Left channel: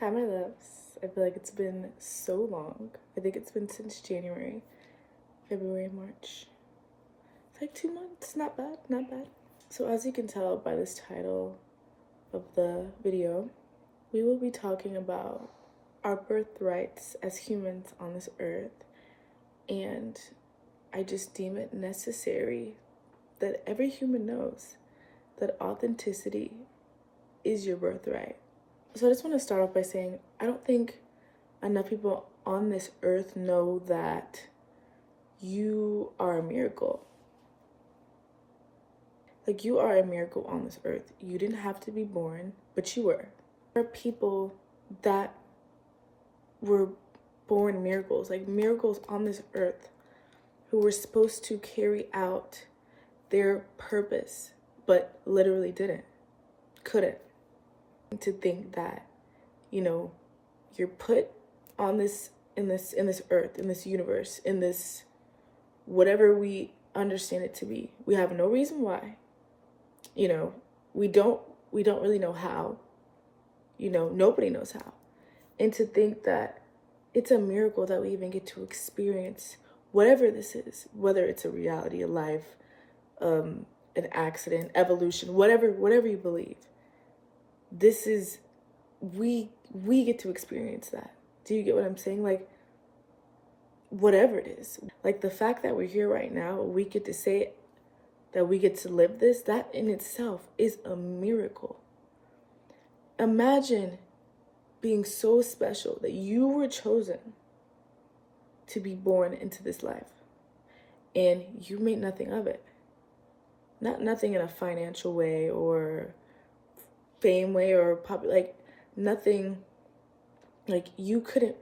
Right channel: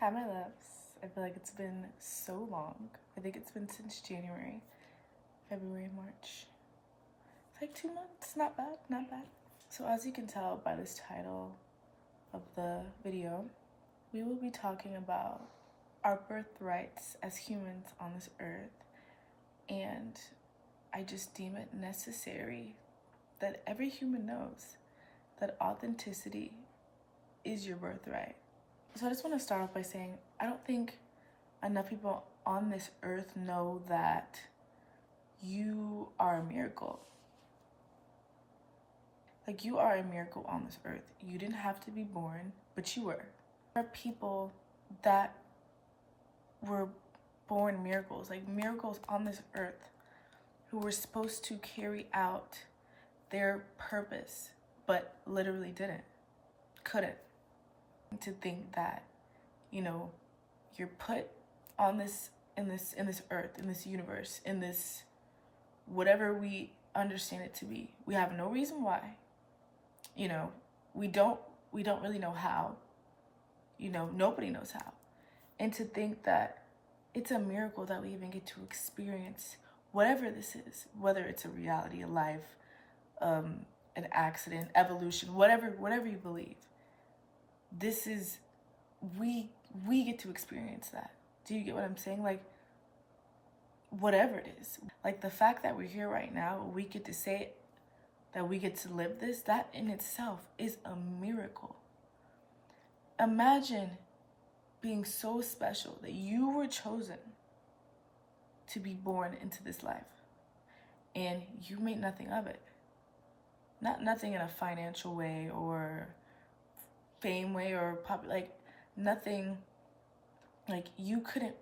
Hi, my loves. I feel like it's been so long. I think it's been since January, February, March. It's like 2 months. Not bad, not bad. So, as you can tell by this title of the video, we will be talking about our birthrights as humans on this earth. And I just deem it necessary that every human knows that authenticity is your birthright. So I just want to start off by saying I don't think enough people on this earth know that you are a miracle. Like, you are a miracle on this earth. You didn't have to be born, but you were. There are people that were born miracles, like miracles on this earth, who were supposed to carry out their purpose, but literally couldn't. To think that, you're put on this in this earth, in this universe, in this whatever we understand it to be. We have no reason why. We don't really know how. Nobody knows how. And to think that it's a miracle that we even get to experience whatever this is, whether it's a reality, a life, an accident, evolution, whatever you believe. This is, we get to experience that. Do you get what I'm saying? Like, whatever it is, like the fact that we're here right now, we get to say it, that we get to live this, that in itself is a miracle. Imagine being so special that you were chosen to be born into this life and you made nothing of it. Nothing in a financial way or fame way or nothing. Like, you couldn't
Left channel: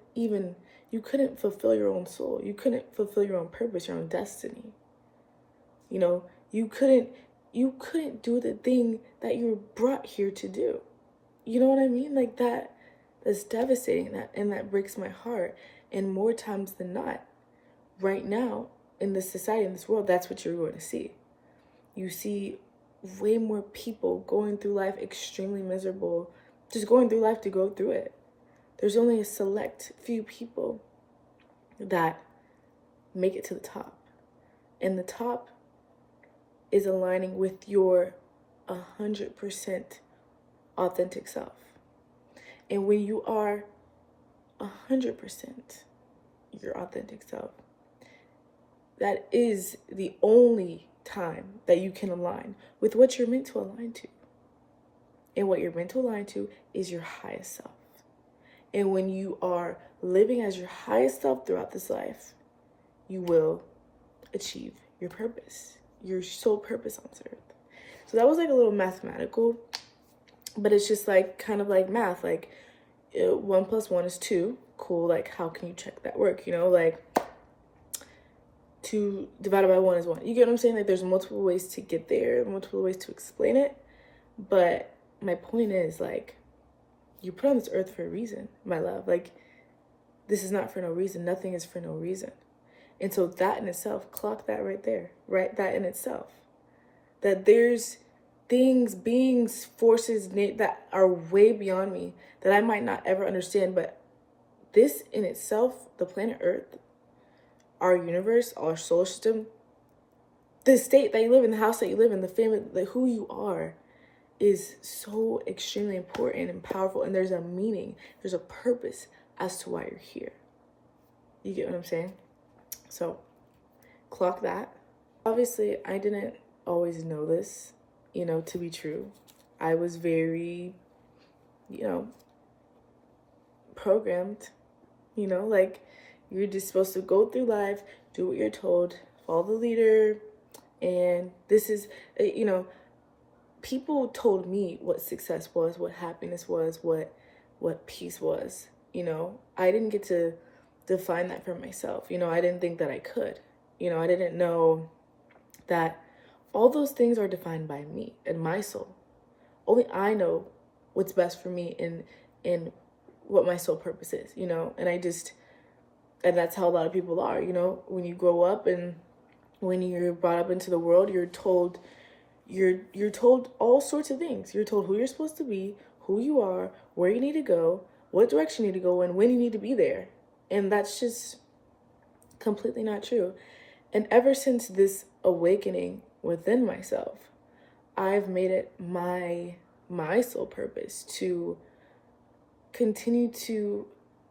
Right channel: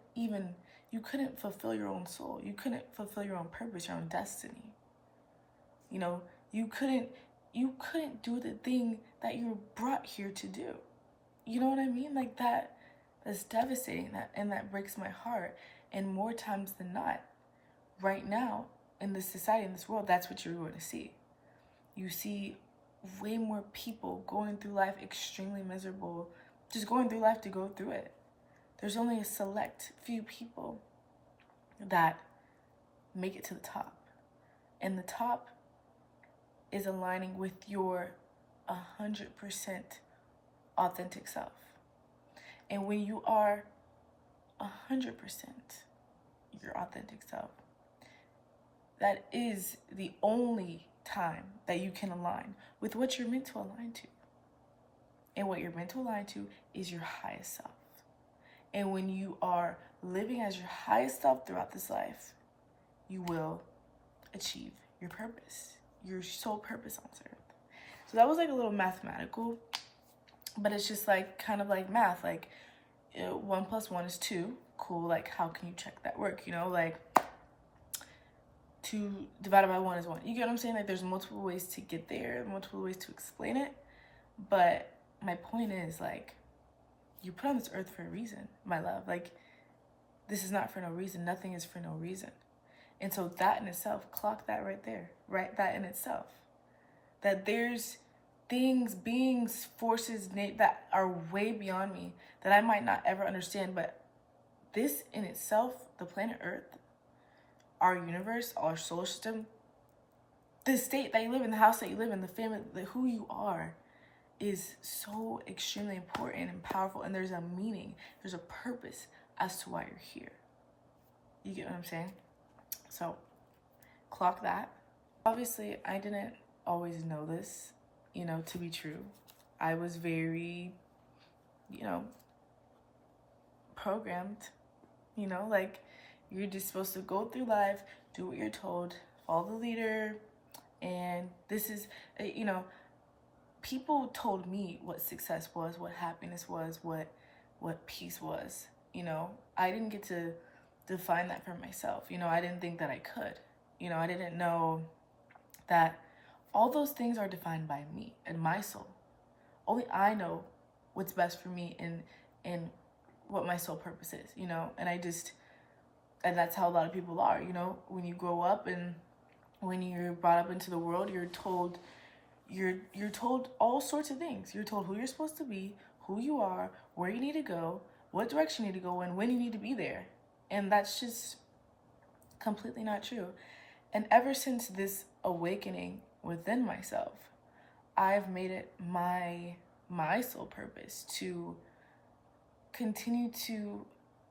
fulfill your own soul. You couldn't fulfill your own purpose, your own destiny. You couldn't do the thing that you were brought here to do. You know what I mean? Like, that's devastating, and that breaks my heart. And more times than not, right now in this society, in this world, that's what you're going to see. You see way more people going through life extremely miserable, just going through life to go through it. There's only a select few people that make it to the top. And the top is aligning with your 100% authentic self. And when you are 100% your authentic self, that is the only time that you can align with what you're meant to align to. And what you're meant to align to is your highest self. And when you are living as your highest self throughout this life, you will achieve your purpose, your sole purpose on this earth. So that was like a little mathematical, but it's just like kind of like math. Like 1 + 1 is 2. Cool. Like, how can you check that work? Like 2 divided by 1 is 1. You get what I'm saying? Like, there's multiple ways to get there, multiple ways to explain it. But my point is, like, you're put on this earth for a reason, my love. Like, this is not for no reason. Nothing is for no reason. And so that in itself, clock that right there, right? That in itself. That there's things, beings, forces that are way beyond me that I might not ever understand. But this in itself, the planet Earth, our universe, our solar system, the state that you live in, the house that you live in, the family, who you are, is so extremely important and powerful. And there's a meaning, there's a purpose as to why you're here. You get what I'm saying? So clock that. Obviously, I didn't always know this, to be true. I was very, programmed, like, you're just supposed to go through life, do what you're told, follow the leader. And this is, people told me what success was, what happiness was, what peace was. I didn't get to define that for myself. I didn't think that I could. I didn't know that all those things are defined by me and my soul. Only I know what's best for me and what my soul purpose is, and that's how a lot of people are. When you grow up and when you're brought up into the world, you're told all sorts of things. You're told who you're supposed to be, who you are, where you need to go, what direction you need to go in, when you need to be there. And that's just completely not true. And ever since this awakening within myself, I've made it my sole purpose to continue to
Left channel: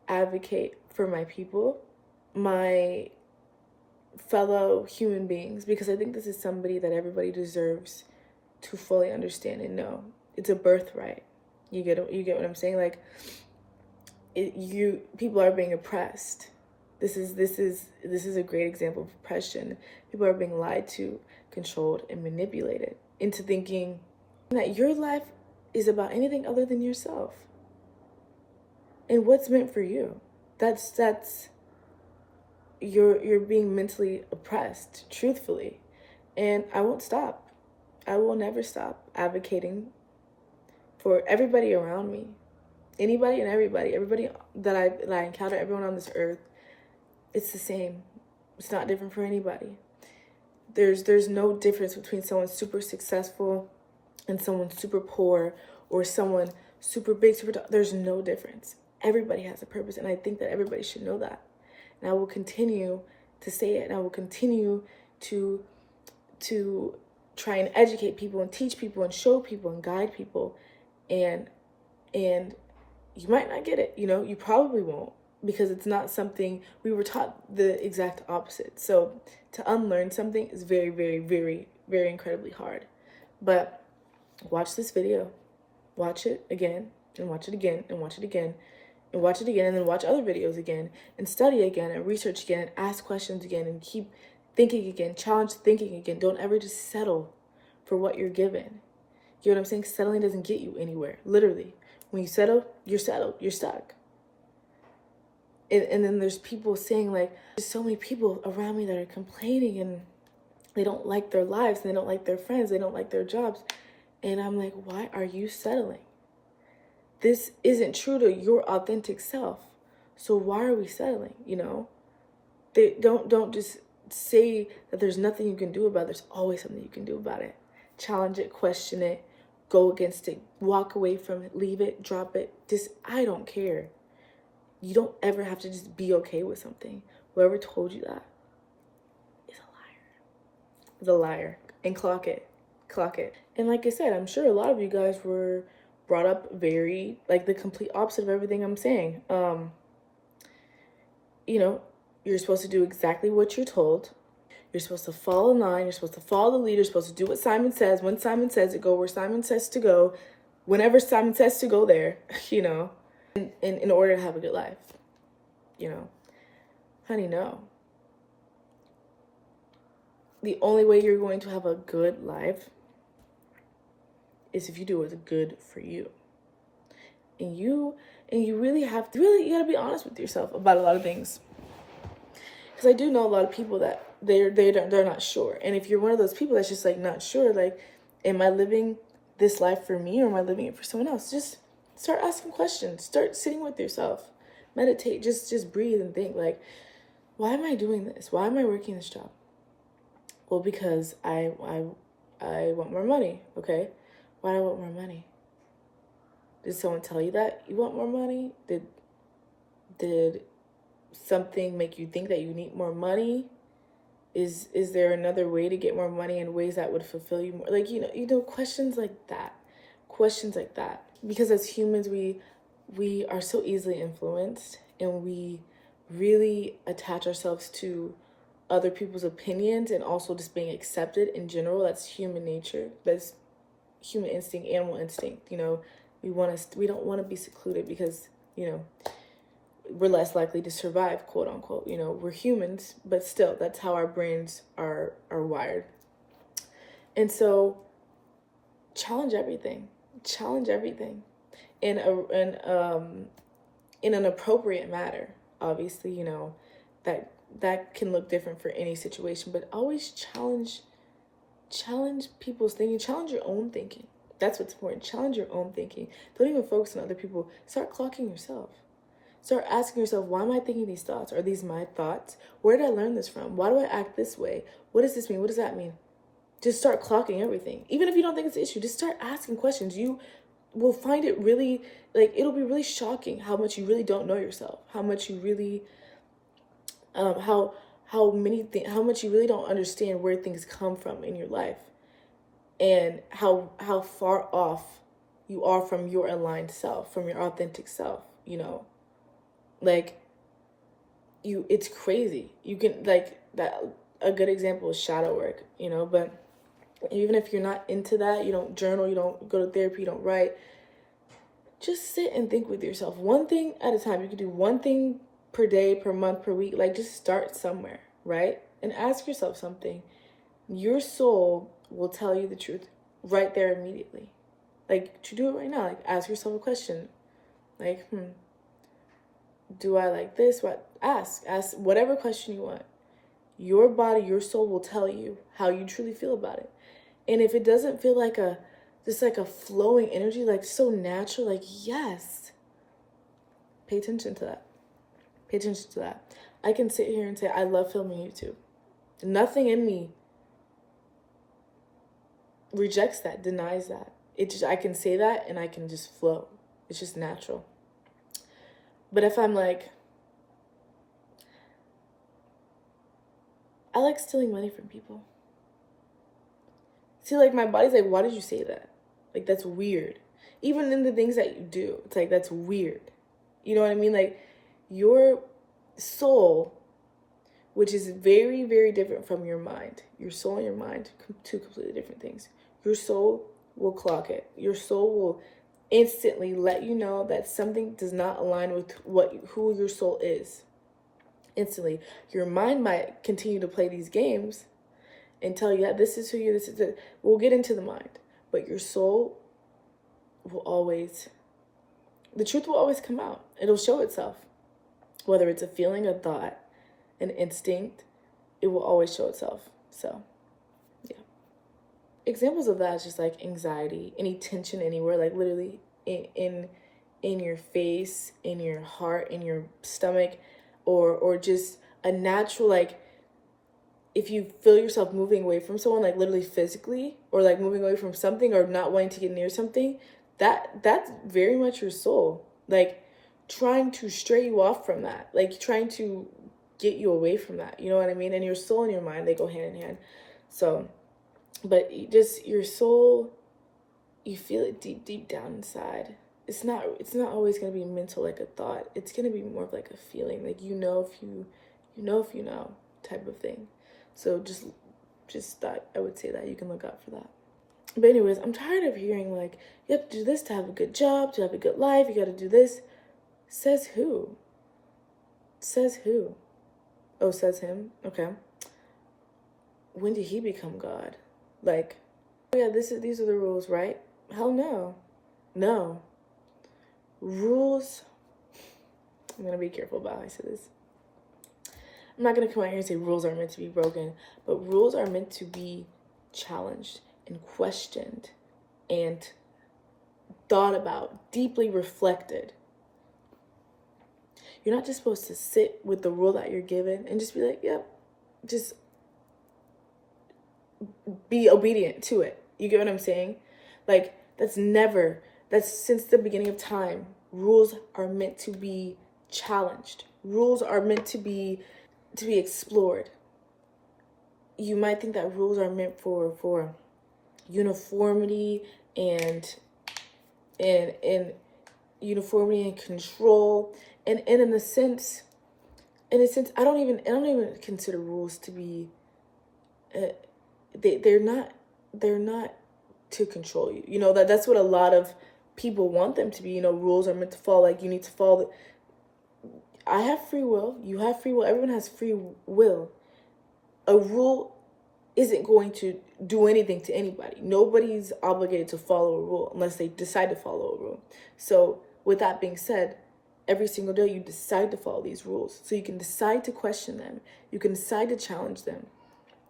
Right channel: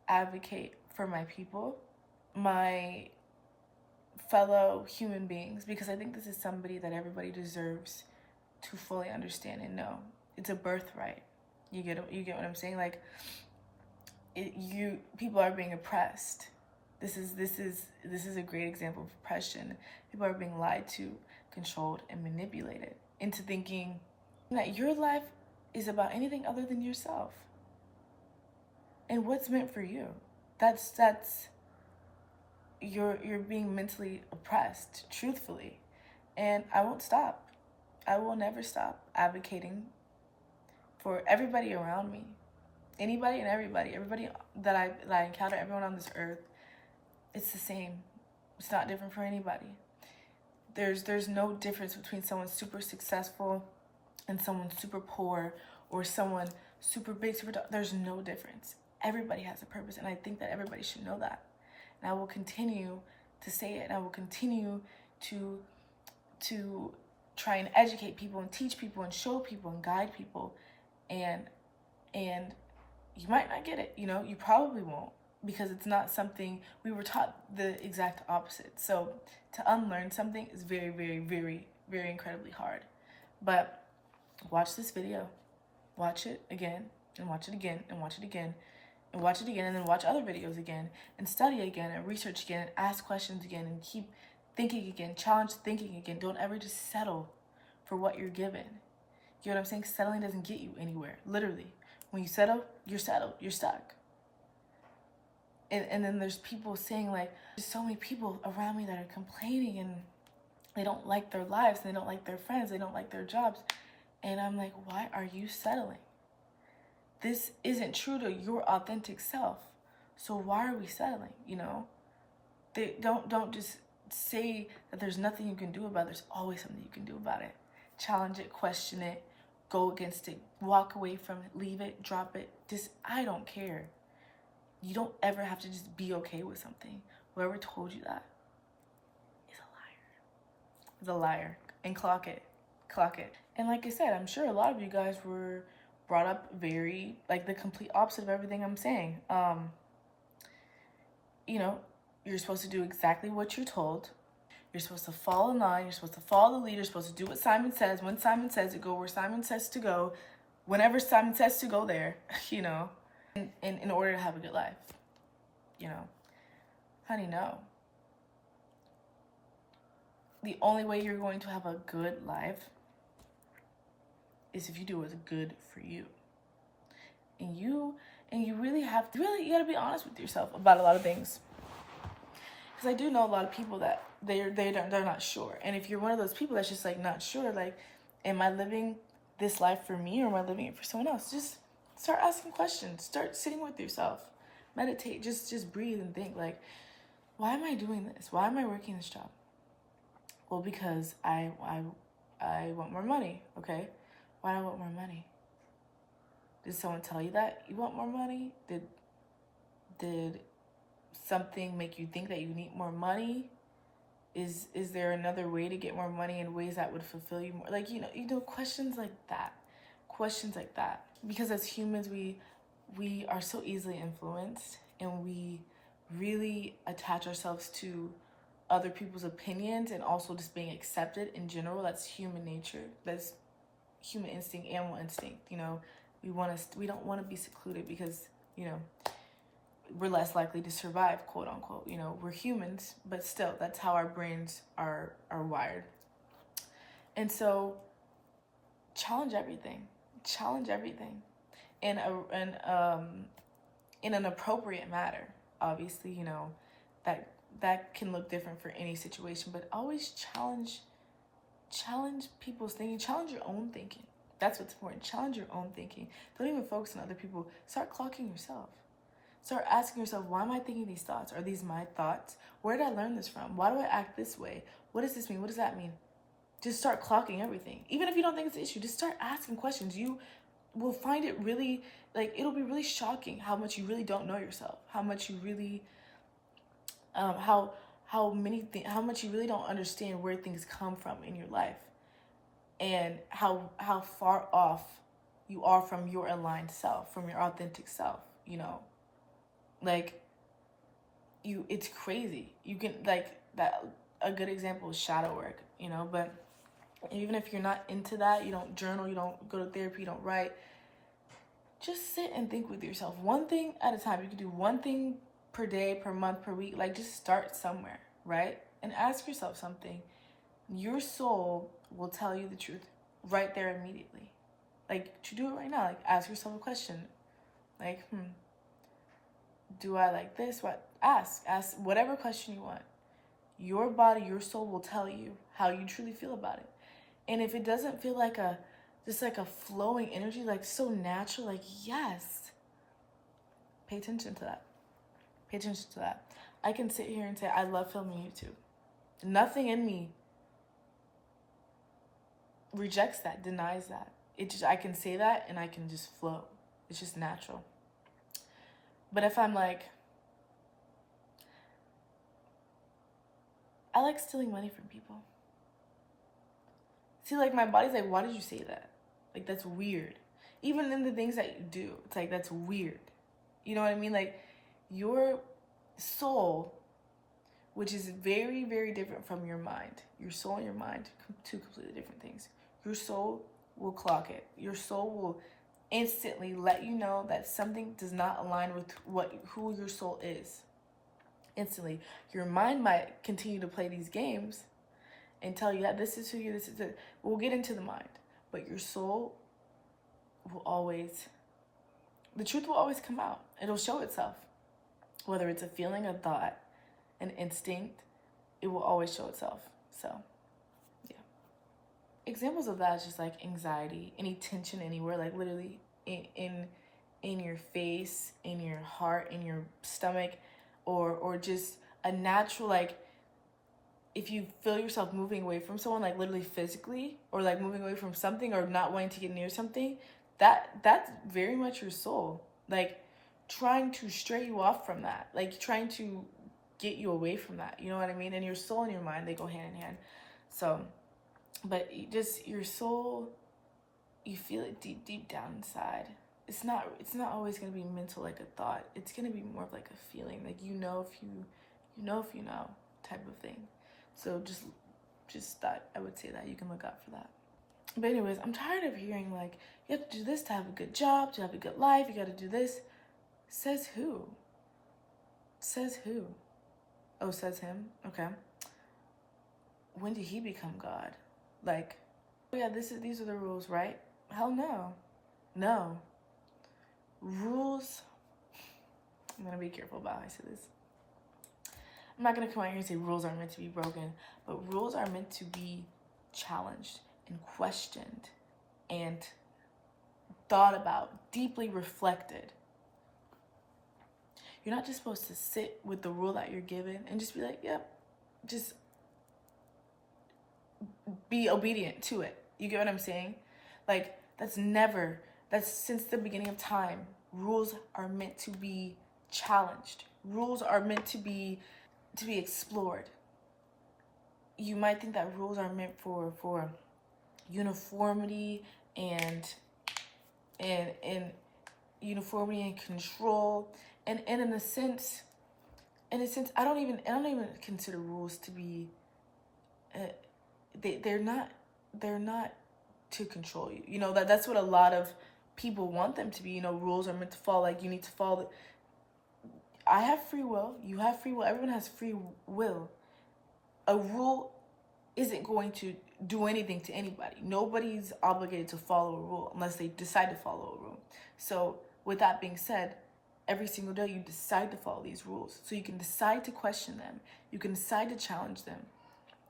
advocate for my people, my fellow human beings, because I think this is somebody that everybody deserves to fully understand and know. It's a birthright. You get what I'm saying? Like, people are being oppressed. This is a great example of oppression. People are being lied to, controlled, and manipulated into thinking that your life is about anything other than yourself and what's meant for you. That's you're being mentally oppressed, truthfully. And I won't stop. I will never stop advocating for everybody around me, anybody and everybody that I encounter, everyone on this earth. It's the same. It's not different for anybody. There's no difference between someone super successful and someone super poor, or someone super big, there's no difference. Everybody has a purpose, and I think that everybody should know that. And I will continue to say it, and I will continue to try and educate people and teach people and show people and guide people. And you might not get it, you probably won't, because it's not something we were taught. The exact opposite. So to unlearn something is very, very, very, very incredibly hard. But watch this video, watch it again, and watch it again, and watch it again, and watch it again, and then watch other videos again, and study again, and research again, and ask questions again, and keep thinking again, challenge thinking again. Don't ever just settle for what you're given. You know what I'm saying? Settling doesn't get you anywhere, literally. When you settle, you're stuck. And then there's people saying, like, there's so many people around me that are complaining, and they don't like their lives, and they don't like their friends, they don't like their jobs. And I'm like, why are you settling? This isn't true to your authentic self. So why are we settling? They don't just say that there's nothing you can do about it. There's always something you can do about it. Challenge it, question it, go against it, walk away from it, leave it, drop it. I don't care. You don't ever have to just be okay with something. Whoever told you that is a liar. Is a liar. And clock it. And like I said, I'm sure a lot of you guys were brought up very, like, the complete opposite of everything I'm saying. You're supposed to do exactly what you're told. You're supposed to fall in line. You're supposed to follow the leader. You're supposed to do what Simon says. When Simon says it, go where Simon says to go. Whenever Simon says to go there, in order to have a good life. Honey, no. The only way you're going to have a good life is if you do what's good for you. And you really have to, you gotta be honest with yourself about a lot of things. Because I do know a lot of people that they're not sure. And if you're one of those people that's just like not sure, like, am I living this life for me, or am I living it for someone else? Just start asking questions. Start sitting with yourself. Meditate. Just breathe and think, like, why am I doing this? Why am I working this job? Well, because I want more money. Okay. Why do I want more money? Did someone tell you that you want more money? Did something make you think that you need more money? Is there another way to get more money in ways that would fulfill you more? Like, questions like that. Questions like that. Because as humans, we are so easily influenced, and we really attach ourselves to other people's opinions, and also just being accepted in general. That's human nature. That's human instinct, animal instinct. We don't want to be secluded, because we're less likely to survive, quote unquote. We're humans, but still, that's how our brains are wired. And so challenge everything in an appropriate manner. Obviously, that can look different for any situation, but always challenge people's thinking, challenge your own thinking. That's what's important. Challenge your own thinking. Don't even focus on other people. Start clocking yourself. Start asking yourself, why am I thinking these thoughts? Are these my thoughts? Where did I learn this from? Why do I act this way? What does this mean? What does that mean? Just start clocking everything. Even if you don't think it's an issue, just start asking questions. You will find it really like, it'll be really shocking how much you really don't know yourself, how much you really, how much you really don't understand where things come from in your life, and how far off you are from your aligned self, from your authentic self, you know, like, it's crazy. You can, like, that, a good example is shadow work, you know, but even if you're not into that, you don't journal, you don't go to therapy, you don't write, just sit and think with yourself, one thing at a time. You can do one thing per day, per month, per week, like, just start somewhere, right? And ask yourself something. Your soul will tell you the truth right there immediately. Like, to do it right now, like, ask yourself a question, like, do I like this? What? Ask whatever question you want. Your body, your soul will tell you how you truly feel about it. And if it doesn't feel like just like a flowing energy, like so natural, like, yes, pay attention to that. Pay attention to that. I can sit here and say, I love filming YouTube. Nothing in me rejects that, denies that. I can say that and I can just flow. It's just natural. But if I'm like, I like stealing money from people. See, like, my body's like, why did you say that? Like, that's weird. Even in the things that you do, it's like, that's weird. You know what I mean? Like, your soul, which is very, very different from your mind. Your soul and your mind, two completely different things. Your soul will clock it. Your soul will instantly let you know that something does not align with who your soul is. Instantly. Your mind might continue to play these games and tell you, yeah, this is who you, this is it. We'll get into the mind. But your soul will always, the truth will always come out. It'll show itself. Whether it's a feeling, a thought, an instinct, it will always show itself. So, yeah. Examples of that is just like anxiety, any tension anywhere, like literally in your face, in your heart, in your stomach, or just a natural, like, if you feel yourself moving away from someone, like literally physically, or like moving away from something, or not wanting to get near something, that's very much your soul, like, trying to stray you off from that, like trying to get you away from that, you know what I mean? And your soul and your mind, they go hand in hand. So, but just your soul, you feel it deep down inside. It's not always going to be mental, like a thought. It's going to be more of like a feeling, like, you know if you know type of thing. So just thought I would say that you can look out for that. But anyways, I'm tired of hearing, like, you have to do this to have a good job, to have a good life, you got to do this. Says who? Says who? Oh, says him? Okay. When did he become God? Like, oh yeah, these are the rules, right? Hell no. No. Rules, I'm going to be careful about how I say this. I'm not going to come out here and say rules are meant to be broken, but rules are meant to be challenged and questioned and thought about, deeply reflected. You're not just supposed to sit with the rule that you're given and just be like, yep, just be obedient to it. You get what I'm saying? Like, that's since the beginning of time. Rules are meant to be challenged. Rules are meant to be explored. You might think that rules are meant for uniformity and uniformity and control. And in a sense, I don't even consider rules to be they're not to control you. You know, that's what a lot of people want them to be. You know, rules are meant to follow, like, you need to follow. I have free will. You have free will. Everyone has free will. A rule isn't going to do anything to anybody. Nobody's obligated to follow a rule unless they decide to follow a rule. So with that being said, every single day you decide to follow these rules. So you can decide to question them. You can decide to challenge them.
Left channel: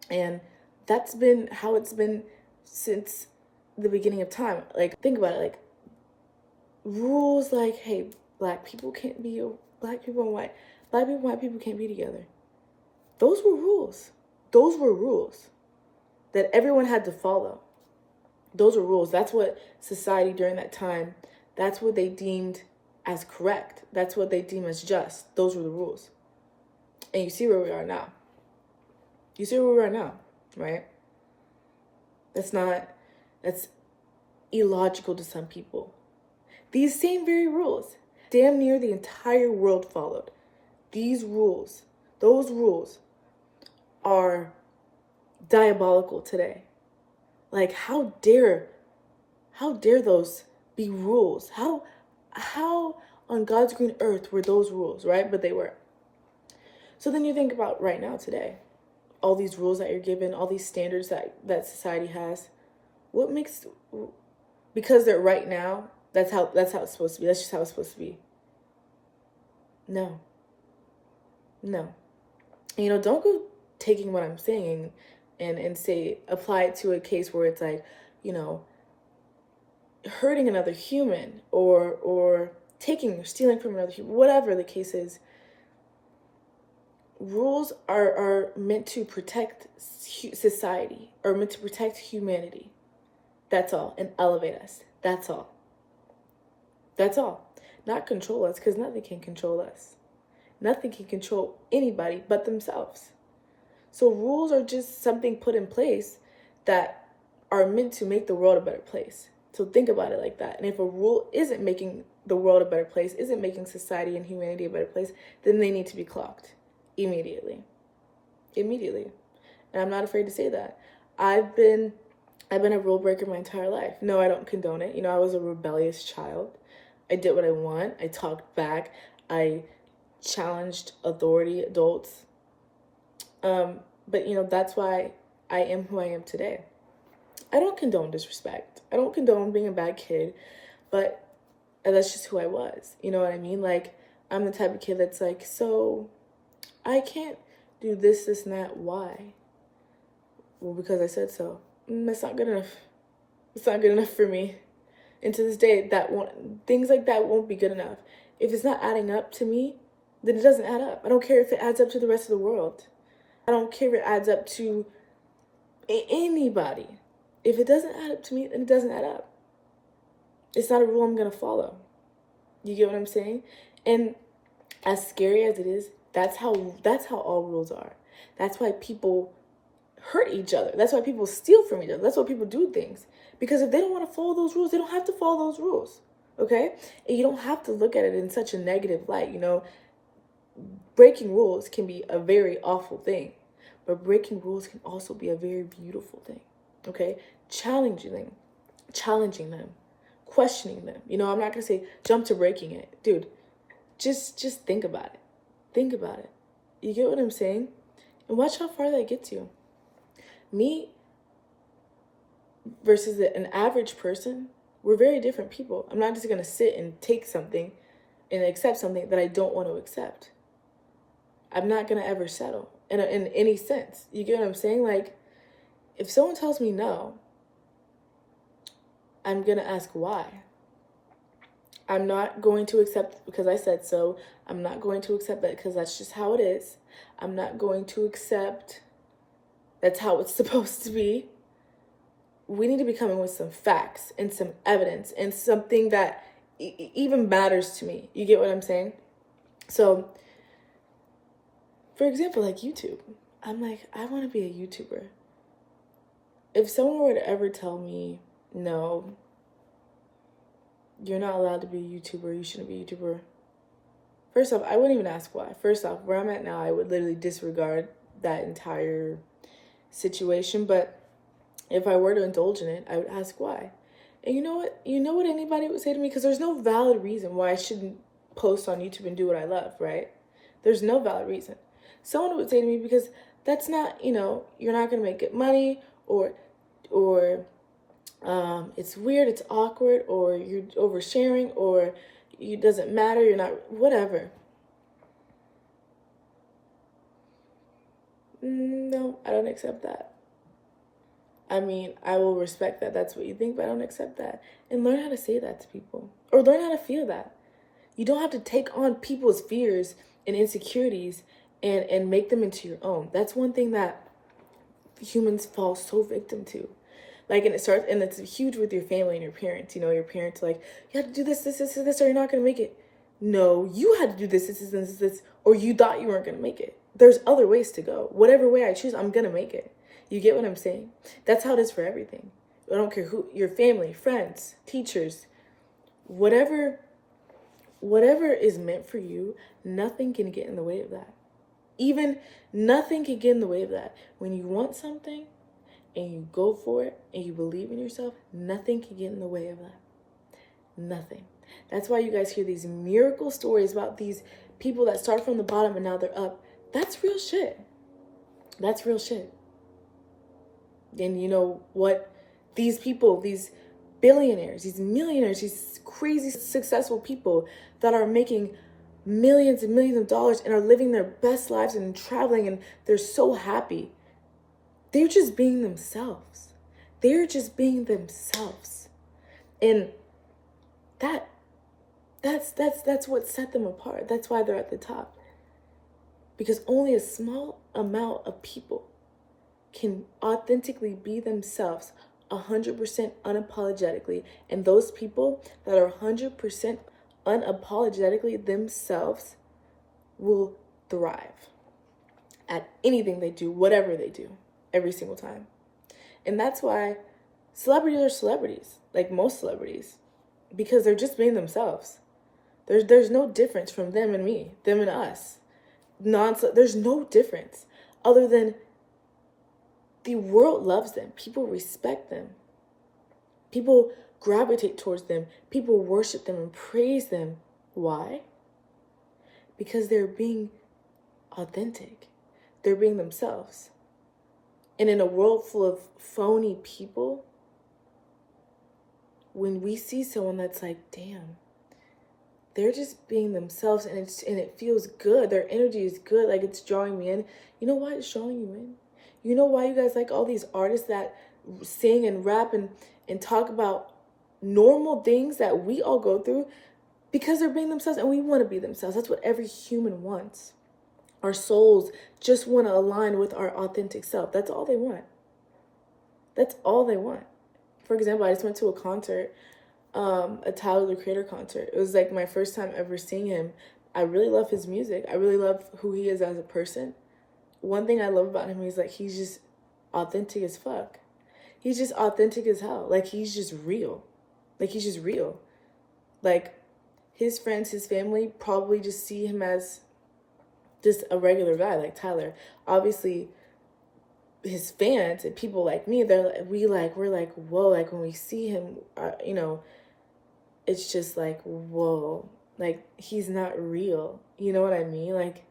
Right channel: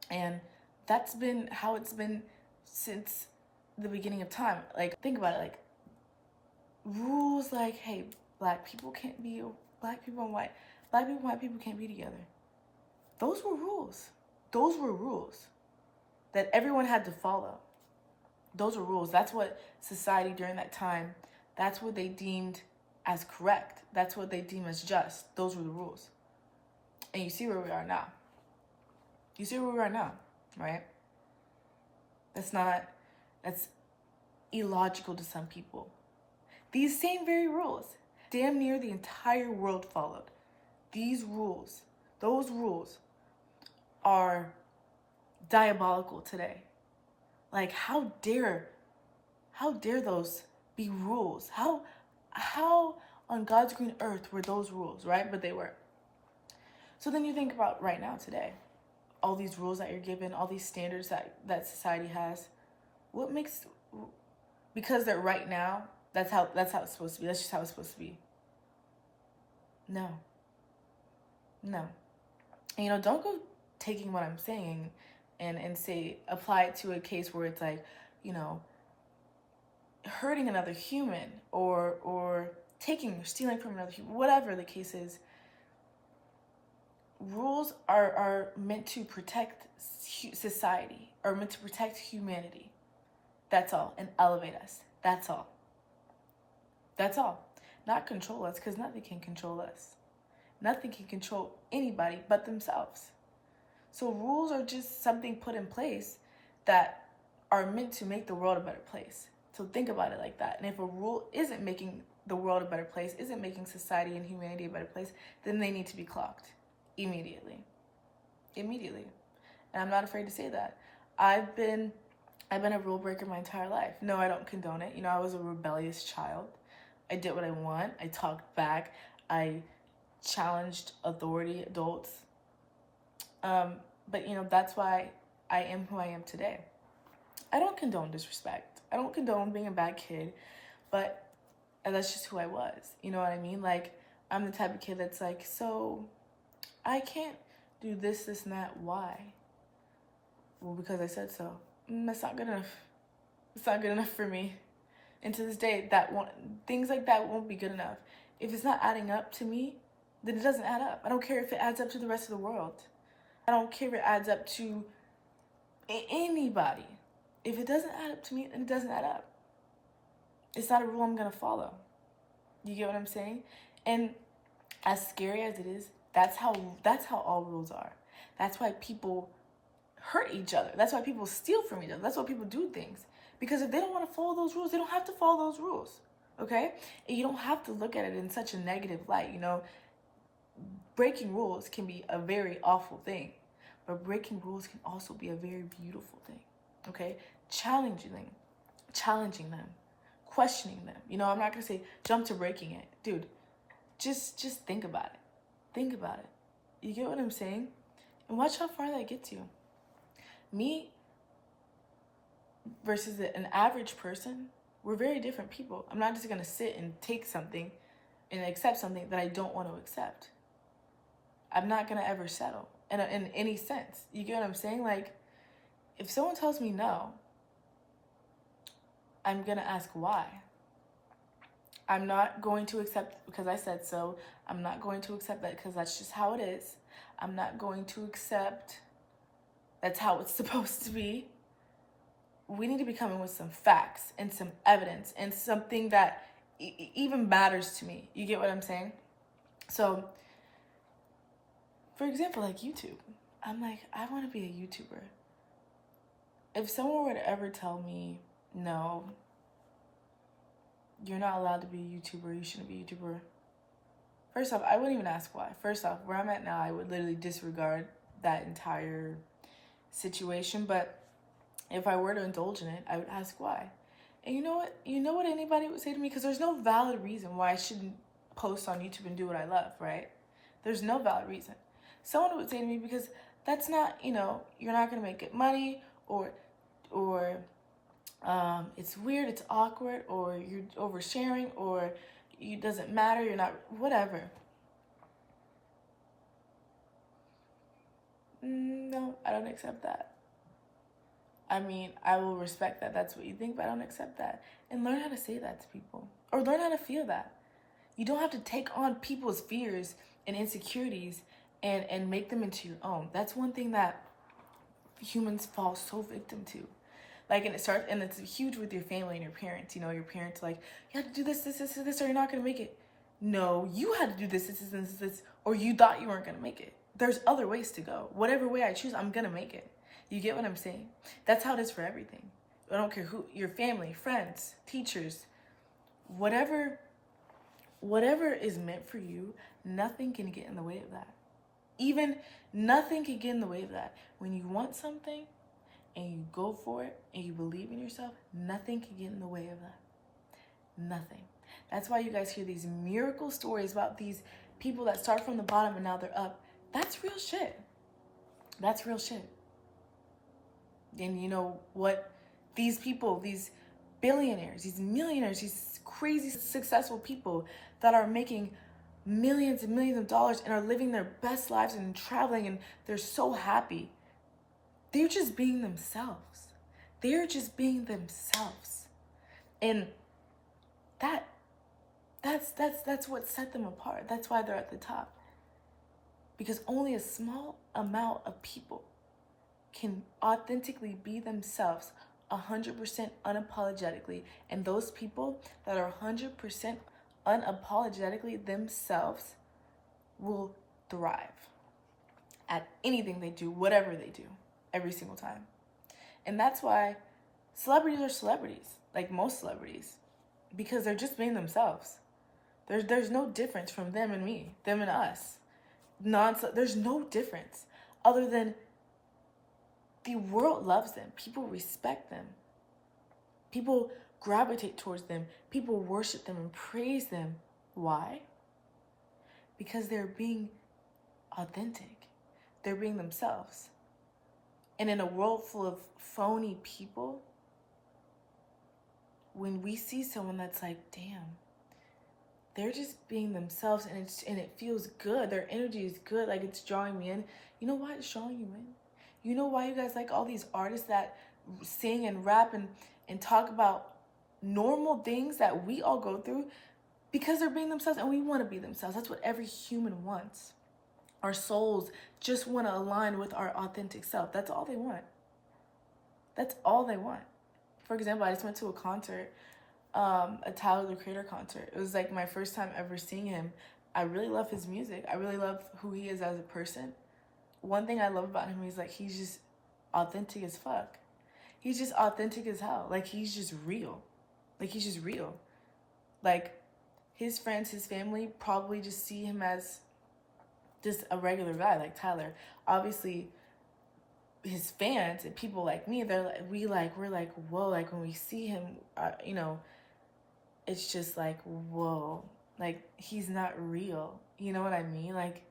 And that's been how it's been since the beginning of time. Like, think about it. Like, rules like, hey, black people can't be black people and white people can't be together. Those were rules. Those were rules that everyone had to follow. Those were rules. That's what society during that time, That's what they deemed as correct. That's what they deemed as just. Those were the rules. And you see where we are now. You see where we are now, right? That's illogical to some people. These same very rules, damn near the entire world followed. These rules, those rules are diabolical today. Like, how dare those be rules? How on God's green earth were those rules, right? But they were. So then you think about right now today, all these rules that you're given, all these standards that society has. What makes, because they're right now, that's how it's supposed to be. That's just how it's supposed to be. No. Don't go taking what I'm saying and say, apply it to a case where it's like, hurting another human or taking or stealing from another human, whatever the case is. Rules are meant to protect society, or meant to protect humanity. That's all. And elevate us. That's all. Not control us, because nothing can control us. Nothing can control anybody but themselves. So rules are just something put in place that are meant to make the world a better place. So think about it like that. And if a rule isn't making the world a better place, isn't making society and humanity a better place, then they need to be clocked immediately. And I'm not afraid to say that. I've been a rule breaker my entire life. No, I don't condone it. I was a rebellious child. I did what I want. I talked back. I challenged authority, adults. But that's why I am who I am today. I don't condone disrespect. I don't condone being a bad kid, but that's just who I was. You know what I mean? Like, I'm the type of kid that's like, so I can't do this, and that. Why? Well, because I said so. That's not good enough. It's not good enough for me. And to this day, things like that won't be good enough. If it's not adding up to me, then it doesn't add up. I don't care if it adds up to the rest of the world. I don't care if it adds up to anybody. If it doesn't add up to me, then it doesn't add up. It's not a rule I'm going to follow. You get what I'm saying? And as scary as it is, that's how all rules are. That's why people hurt each other. That's why people steal from each other. That's why people do things. Because if they don't want to follow those rules, they don't have to follow those rules. Okay? And you don't have to look at it in such a negative light. Breaking rules can be a very awful thing. But breaking rules can also be a very beautiful thing. Okay? Challenging them, questioning them. I'm not going to say jump to breaking it. Dude, just think about it. Think about it. You get what I'm saying? And watch how far that gets you. Me versus an average person, we're very different people. I'm not just going to sit and take something and accept something that I don't want to accept. I'm not going to ever settle in any sense. You get what I'm saying? Like, if someone tells me no, I'm going to ask why. I'm not going to accept because I said so. I'm not going to accept that because that's just how it is. I'm not going to accept that's how it's supposed to be. We need to be coming with some facts and some evidence and something that even matters to me. You get what I'm saying? So, for example, like YouTube. I'm like, I want to be a YouTuber. If someone were to ever tell me, no, you're not allowed to be a YouTuber, you shouldn't be a YouTuber. First off, I wouldn't even ask why. First off, where I'm at now, I would literally disregard that entire situation. But if I were to indulge in it, I would ask why. And you know what? You know what anybody would say to me? Because there's no valid reason why I shouldn't post on YouTube and do what I love, right? There's no valid reason. Someone would say to me, because that's not, you're not going to make good money, or it's weird, it's awkward, or you're oversharing, or it doesn't matter, you're not, whatever. No, I don't accept that. I mean, I will respect that that's what you think, but I don't accept that. And learn how to say that to people, or learn how to feel that. You don't have to take on people's fears and insecurities and make them into your own. That's one thing that humans fall so victim to. Like, and it starts, and it's huge with your family and your parents. You know, your parents are like, you have to do this, or you're not going to make it. No, you had to do this, or you thought you weren't going to make it. There's other ways to go. Whatever way I choose, I'm going to make it. You get what I'm saying? That's how it is for everything. I don't care who, your family, friends, teachers, whatever is meant for you, nothing can get in the way of that. Even nothing can get in the way of that. When you want something and you go for it and you believe in yourself, nothing can get in the way of that. Nothing. That's why you guys hear these miracle stories about these people that start from the bottom and now they're up. That's real shit. That's real shit. And you know what? These people, these billionaires, these millionaires, these crazy successful people that are making millions and millions of dollars and are living their best lives and traveling and they're so happy. They're just being themselves. They're just being themselves. And that's what set them apart. That's why they're at the top. Because only a small amount of people can authentically be themselves 100% unapologetically. And those people that are 100% unapologetically themselves will thrive at anything they do, whatever they do, every single time. And that's why celebrities are celebrities, like most celebrities, because they're just being themselves. There's no difference from them and me, them and us. There's no difference other than the world loves them. People respect them. People gravitate towards them. People worship them and praise them. Why? Because they're being authentic. They're being themselves. And in a world full of phony people, when we see someone that's like, damn, they're just being themselves and it feels good. Their energy is good. Like, it's drawing me in. You know why it's drawing you in? You know why you guys like all these artists that sing and rap and talk about normal things that we all go through? Because they're being themselves and we want to be themselves. That's what every human wants. Our souls just want to align with our authentic self. That's all they want. That's all they want. For example, I just went to a concert, a Tyler, the Creator concert. It was like my first time ever seeing him. I really love his music. I really love who he is as a person. One thing I love about him is like, he's just authentic as fuck. He's just authentic as hell. Like, he's just real. Like, he's just real. Like, his friends, his family probably just see him as just a regular guy like Tyler. Obviously, his fans and people like me, we're like, whoa, like when we see him, you know, it's just like, whoa, like he's not real. You know what I mean? Like,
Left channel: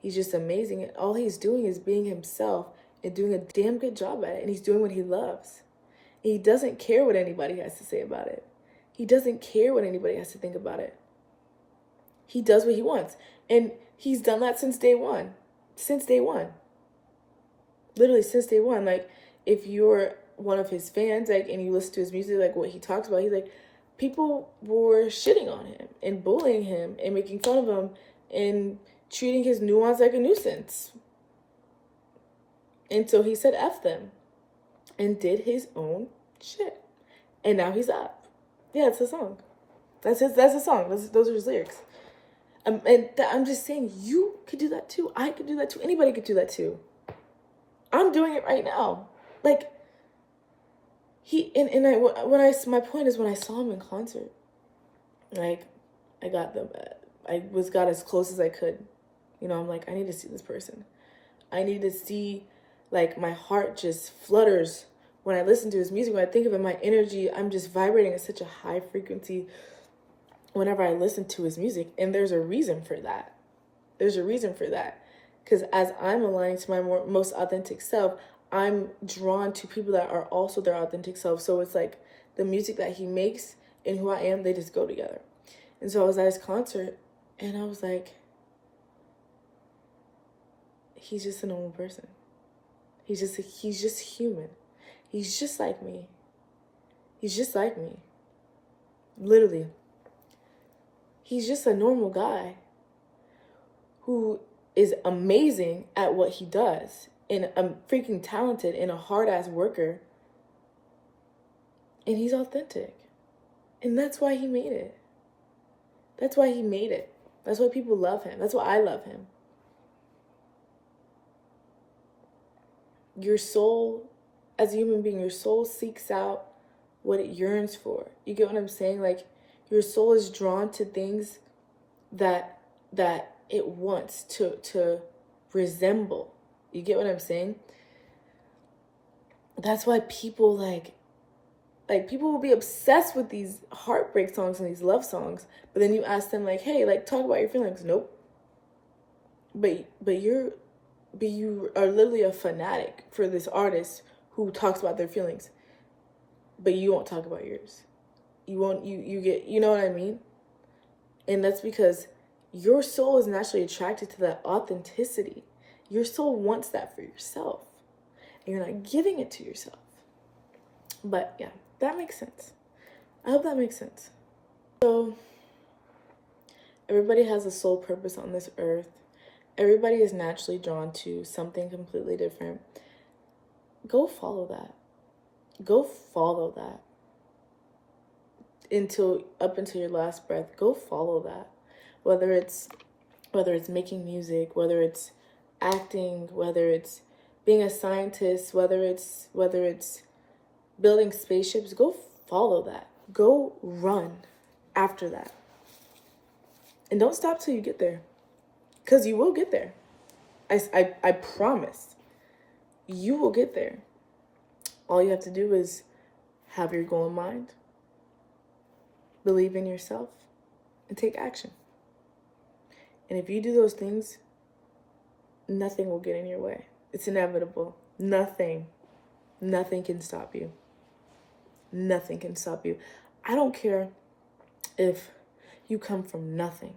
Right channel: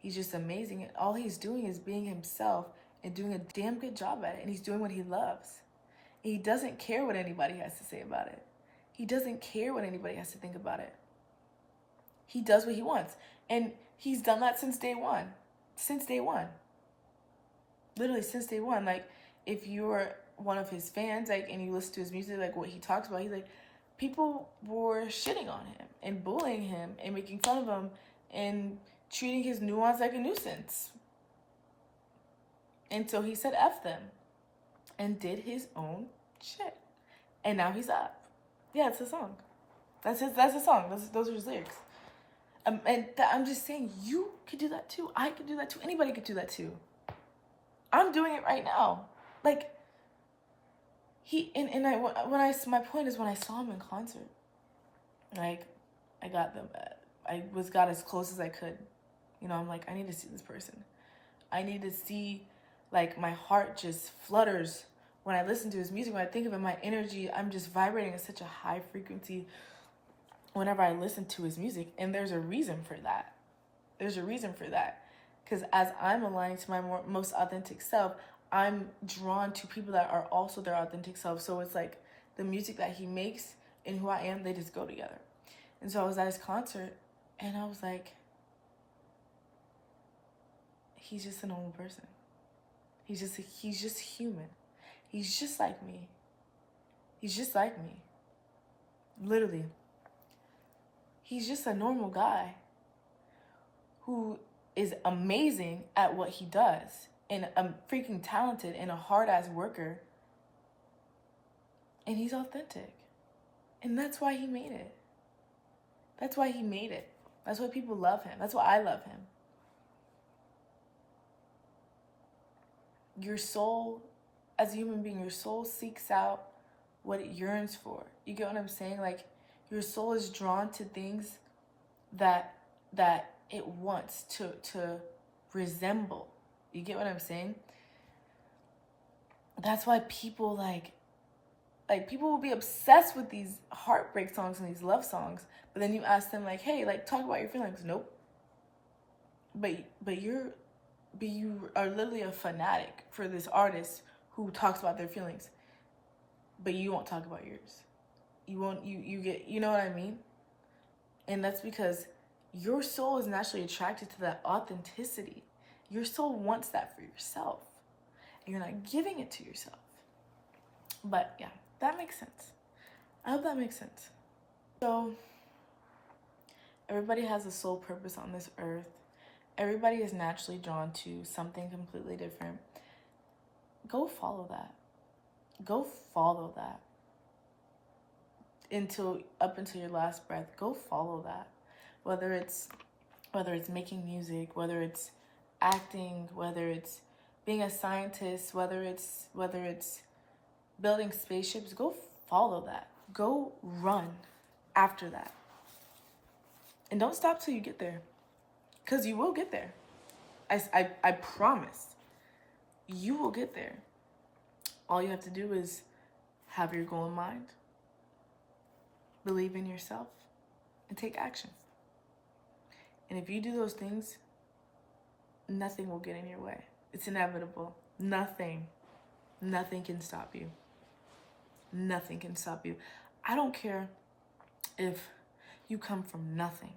he's just amazing. And all he's doing is being himself and doing a damn good job at it. And he's doing what he loves. And he doesn't care what anybody has to say about it. He doesn't care what anybody has to think about it. He does what he wants. And he's done that since day one. Since day one. Literally since day one. Like, if you're one of his fans, like, and you listen to his music, like what he talks about, he's like, people were shitting on him and bullying him and making fun of him and treating his nuance like a nuisance. And so he said F them and did his own shit. And now he's up. Yeah, it's a song. That's a song. Those are his lyrics. I'm just saying, you could do that too. I could do that too. Anybody could do that too. I'm doing it right now. Like, my point is, when I saw him in concert, like, I got as close as I could. You know, I'm like, I need to see this person. I need to see, like, my heart just flutters when I listen to his music. When I think of it, my energy, I'm just vibrating at such a high frequency whenever I listen to his music. And there's a reason for that. There's a reason for that. Because as I'm aligning to my most authentic self, I'm drawn to people that are also their authentic self. So it's like the music that he makes and who I am, they just go together. And so I was at his concert and I was like, he's just a normal person. He's just human. He's just like me. He's just like me. Literally. He's just a normal guy who is amazing at what he does and freaking talented and a hard-ass worker. And he's authentic. And that's why he made it. That's why he made it. That's why people love him. That's why I love him. Your soul, as a human being, your soul seeks out what it yearns for. You get what I'm saying? Like, your soul is drawn to things that it wants to resemble. You get what I'm saying? That's why people like people will be obsessed with these heartbreak songs and these love songs, but then you ask them like, hey, like, talk about your feelings. Nope. But you are literally a fanatic for this artist who talks about their feelings, but you won't talk about yours. You get, you know what I mean? And that's because your soul is naturally attracted to that authenticity. Your soul wants that for yourself, and you're not giving it to yourself. But yeah, that makes sense. I hope that makes sense. So everybody has a soul purpose on this earth. Everybody is naturally drawn to something completely different. Go follow that. Go follow that. Up until your last breath. Go follow that. Whether it's making music, whether it's acting, whether it's being a scientist, whether it's building spaceships, go follow that. Go run after that. And don't stop till you get there. Because you will get there. I promise. You will get there. All you have to do is have your goal in mind, believe in yourself, and take action. And if you do those things, nothing will get in your way. It's inevitable. Nothing can stop you. Nothing can stop you. I don't care if you come from nothing.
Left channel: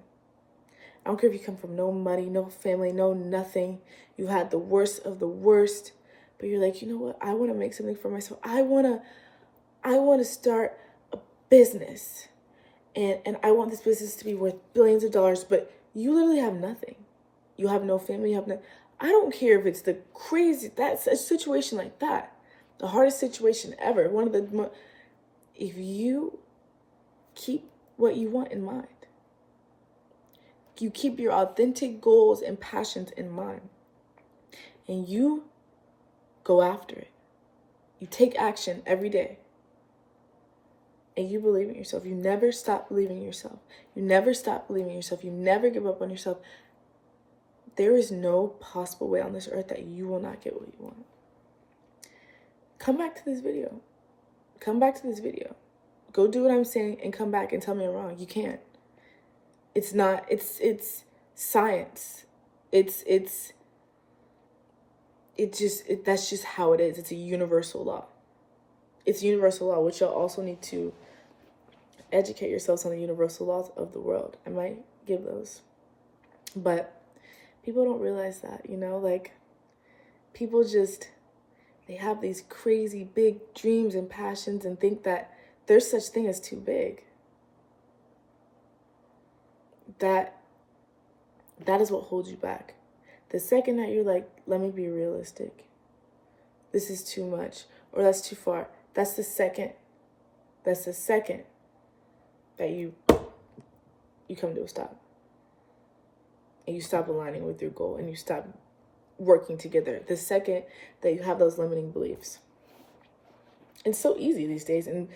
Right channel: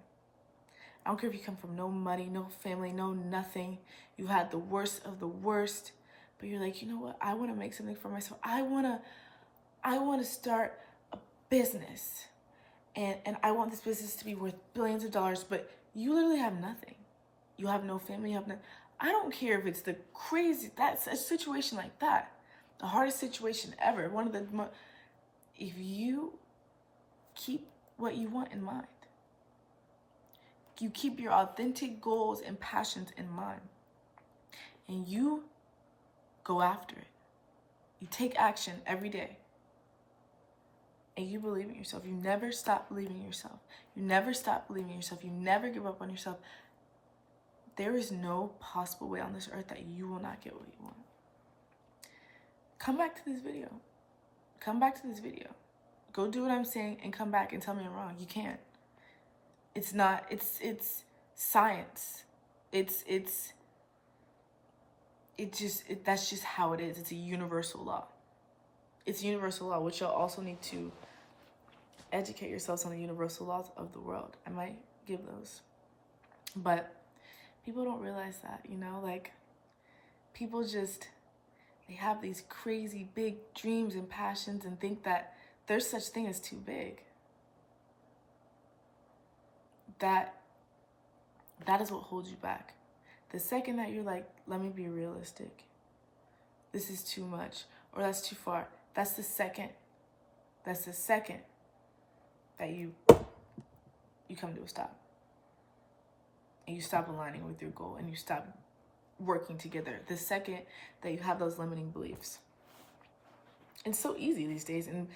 I don't care if you come from no money, no family, no nothing. You had the worst of the worst, but you're like, you know what? I want to make something for myself. I want to start a business, and I want this business to be worth billions of dollars, but you literally have nothing. You have no family, you have no, I don't care if it's that's a situation like that, the hardest situation ever. If you keep what you want in mind, you keep your authentic goals and passions in mind, and you go after it. You take action every day, and you believe in yourself. You never stop believing in yourself. You never stop believing in yourself. You never give up on yourself. There is no possible way on this earth that you will not get what you want. Come back to this video. Come back to this video. Go do what I'm saying and come back and tell me I'm wrong. You can't. It's not, it's science. That's just how it is. It's a universal law. It's a universal law, which you'll also need to educate yourselves on the universal laws of the world. I might give those. But people don't realize that, like, people they have these crazy big dreams and passions and think that there's such thing as too big. That is what holds you back. The second that you're like, let me be realistic, this is too much, or that's too far, that's the second that you come to a stop. And you stop aligning with your goal, and you stop working together. The second that you have those limiting beliefs. It's so easy these days, and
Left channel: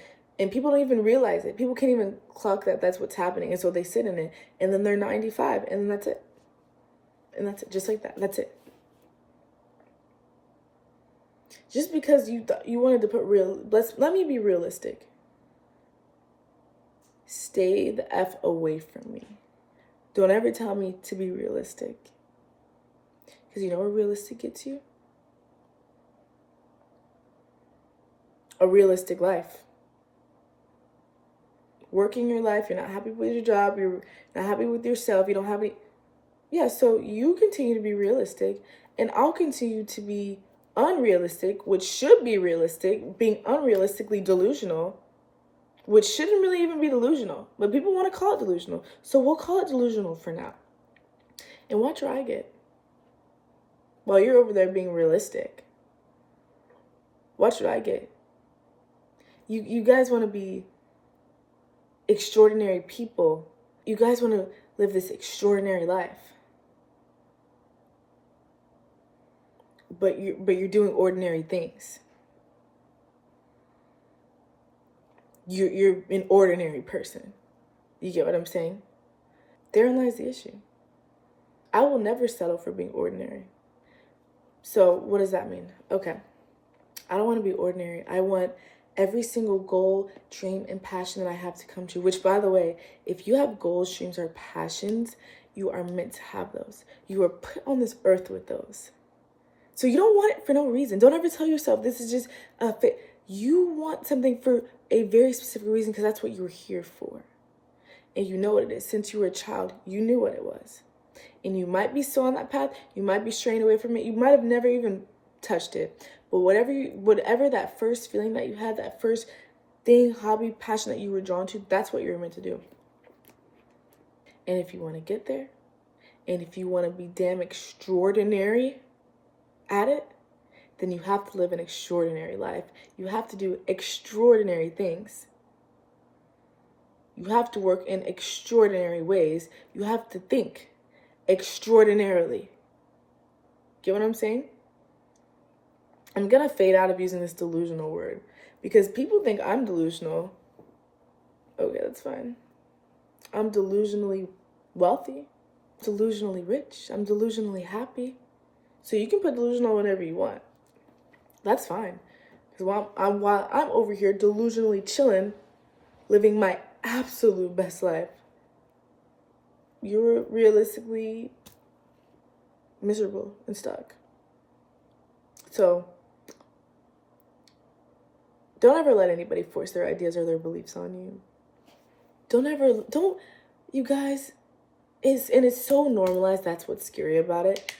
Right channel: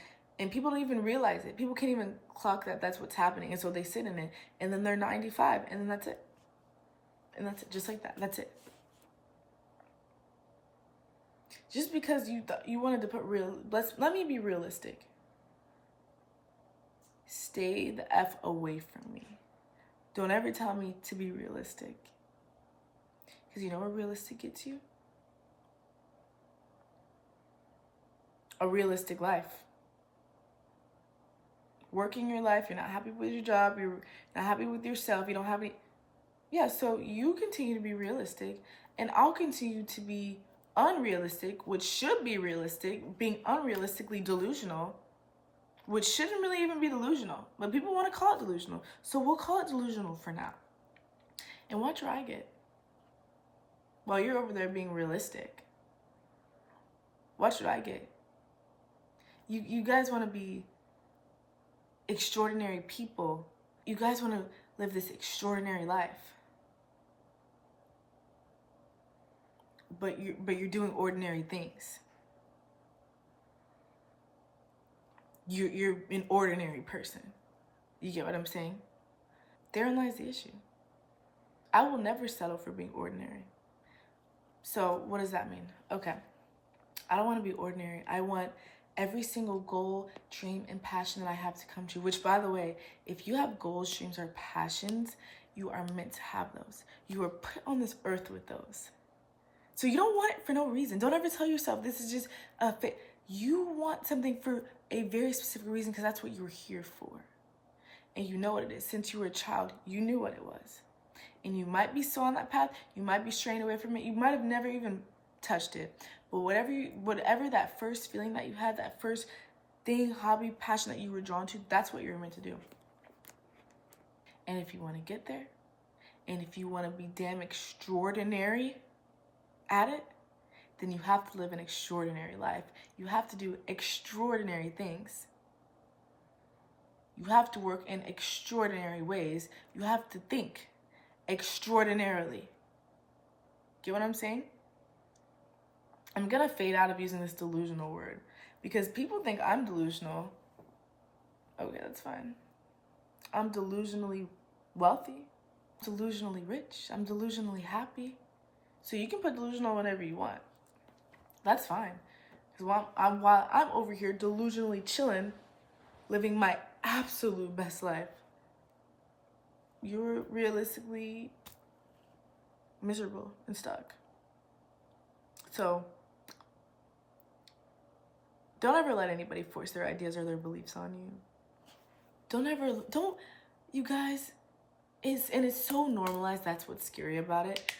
people don't even realize it. People can't even clock that that's what's happening, and so they sit in it, and then they're 95, and then that's it. And that's it, just like that. That's it. Just because you wanted to put let me be realistic. Stay the F away from me. Don't ever tell me to be realistic. Because you know where realistic gets you? A realistic life. Working your life, you're not happy with your job, you're not happy with yourself, you don't have any... Yeah, so you continue to be realistic, and I'll continue to be unrealistic, which should be realistic, being unrealistically delusional, which shouldn't really even be delusional, but people want to call it delusional. So we'll call it delusional for now. And watch where I get. While you're over there being realistic, watch what I get. You guys want to be extraordinary people. You guys want to live this extraordinary life. But you're doing ordinary things. You're an ordinary person. You get what I'm saying? Therein lies the issue. I will never settle for being ordinary. So what does that mean? Okay. I don't want to be ordinary. I want every single goal, dream, and passion that I have to come true. Which, by the way, if you have goals, dreams, or passions, you are meant to have those. You are put on this earth with those. So you don't want it for no reason. Don't ever tell yourself this is just a fit. You want something for a very specific reason because that's what you were here for. And you know what it is. Since you were a child, you knew what it was. And you might be still on that path. You might be straying away from it. You might have never even touched it. But whatever that first feeling that you had, that first thing, hobby, passion that you were drawn to, that's what you're meant to do. And if you want to get there, and if you want to be damn extraordinary at it, then you have to live an extraordinary life. You have to do extraordinary things. You have to work in extraordinary ways. You have to think extraordinarily. Get what I'm saying? I'm going to fade out of using this delusional word because people think I'm delusional. Okay, that's fine. I'm delusionally wealthy, delusionally rich. I'm delusionally happy. So you can put delusional whenever you want. That's fine. Because while I'm over here delusionally chilling, living my absolute best life, you're realistically miserable and stuck. So don't ever let anybody force their ideas or their beliefs on you. You guys, it's so normalized. That's what's scary about it.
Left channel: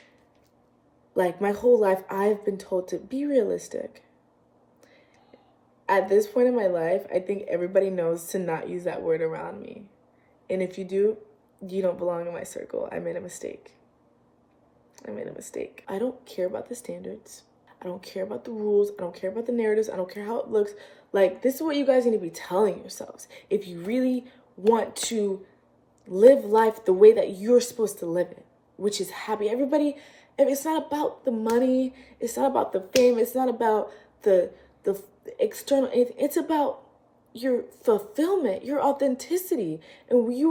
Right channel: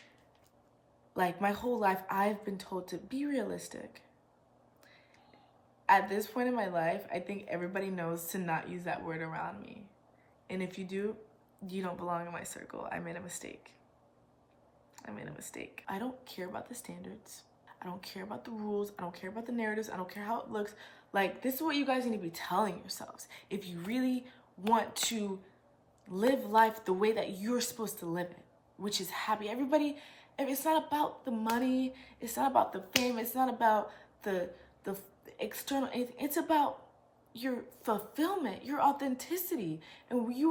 Like my whole life, I've been told to be realistic. At this point in my life, I think everybody knows to not use that word around me. And if you do, you don't belong in my circle. I made a mistake. I don't care about the standards. I don't care about the rules. I don't care about the narratives. I don't care how it looks. Like, this is what you guys need to be telling yourselves. If you really want to live life the way that you're supposed to live it, which is happy. Everybody, it's not about the money. It's not about the fame. It's not about the external. It's about your fulfillment, your authenticity. And when you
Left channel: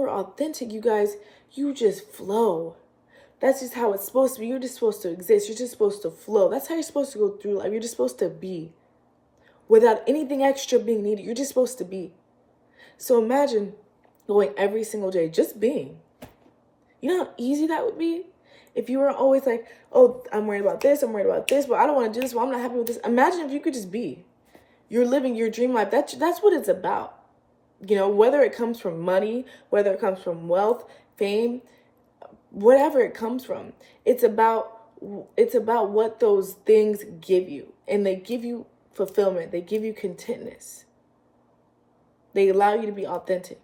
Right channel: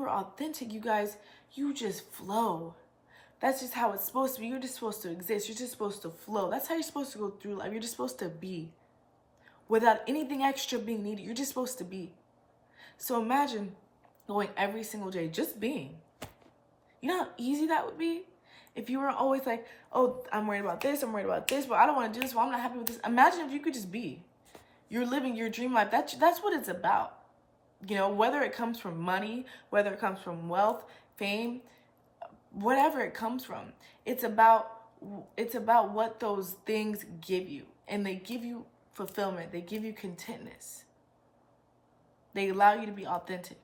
were authentic, you guys, you just flow. That's just how it's supposed to be. You're just supposed to exist. You're just supposed to flow. That's how you're supposed to go through life. You're just supposed to be. Without anything extra being needed, you're just supposed to be. So imagine going every single day, just being. You know how easy that would be? If you were always like, oh, I'm worried about this, but I don't want to do this, but I'm not happy with this. Imagine if you could just be. You're living your dream life. That's what it's about. You know, whether it comes from money, whether it comes from wealth, fame, whatever it comes from, it's about what those things give you. And they give you fulfillment. They give you contentness. They allow you to be authentic.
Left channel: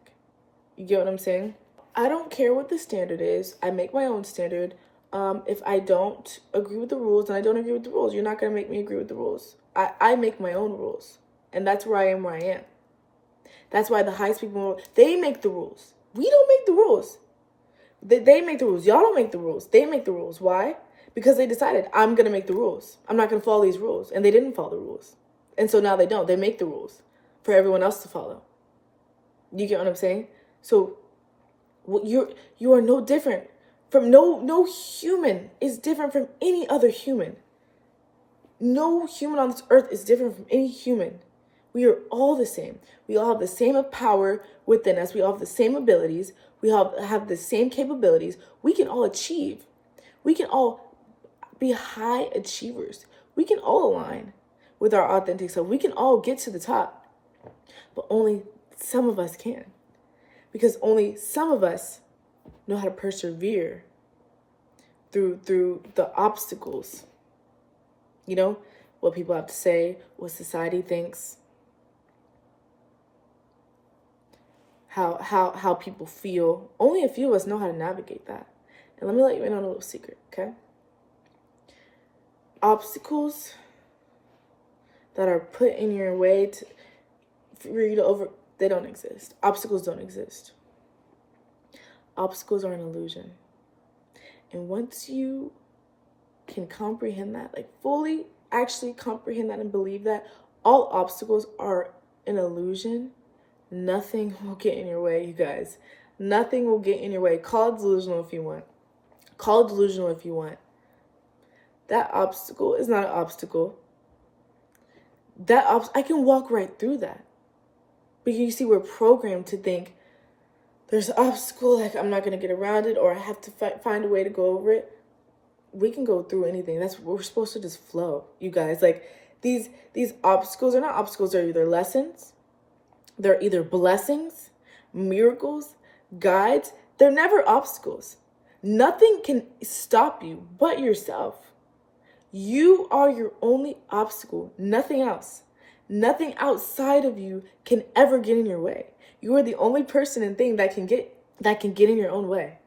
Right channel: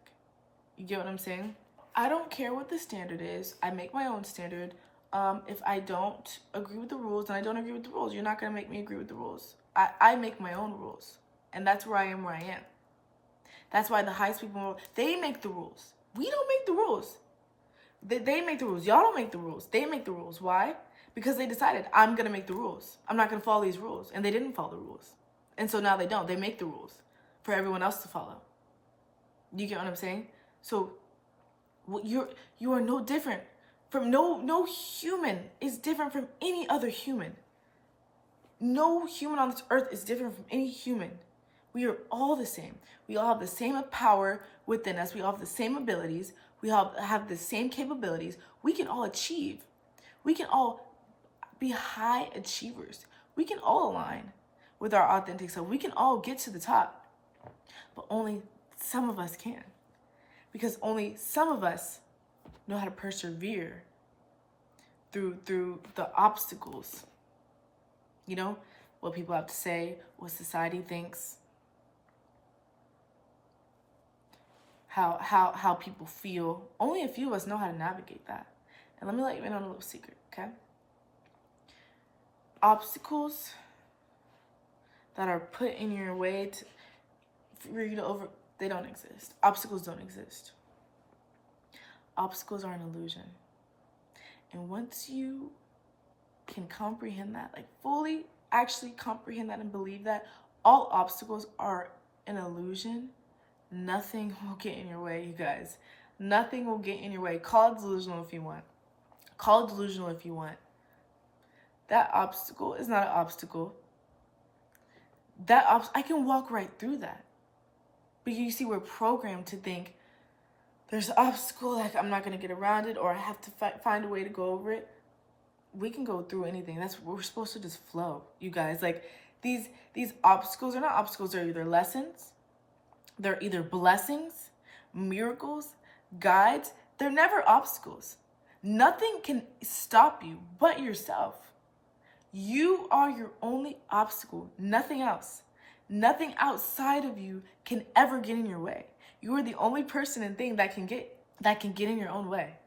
You get what I'm saying? I don't care what the standard is. I make my own standard. If I don't agree with the rules, then I don't agree with the rules. You're not going to make me agree with the rules. I make my own rules. And that's where I am where I am. That's why the highest people, they make the rules. We don't make the rules. They make the rules. Y'all don't make the rules. They make the rules. Why? Because they decided, I'm going to make the rules. I'm not going to follow these rules. And they didn't follow the rules. And so now they don't. They make the rules for everyone else to follow. You get what I'm saying? So you are no different from no human is different from any other human. No human on this earth is different from any human. We are all the same. We all have the same power within us. We all have the same abilities. We all have the same capabilities. We can all achieve. We can all be high achievers. We can all align with our authentic self. We can all get to the top. But only some of us can. Because only some of us know how to persevere through the obstacles. You know, what people have to say, what society thinks, how people feel. Only a few of us know how to navigate that. And let me let you in on a little secret, okay? Obstacles that are put in your way for you to they don't exist. Obstacles don't exist. Obstacles are an illusion. And once you can comprehend that, like fully actually comprehend that and believe that all obstacles are an illusion, nothing will get in your way, you guys. Nothing will get in your way. Call it delusional if you want. Call it delusional if you want. That obstacle is not an obstacle. I can walk right through that. But you see, we're programmed to think there's an obstacle, like I'm not going to get around it, or I have to find a way to go over it. We can go through anything. We're supposed to just flow, you guys. Like these obstacles are not obstacles. They're either lessons. They're either blessings, miracles, guides. They're never obstacles. Nothing can stop you but yourself. You are your only obstacle, nothing else. Nothing outside of you can ever get in your way. You are the only person and thing that can get in your own way.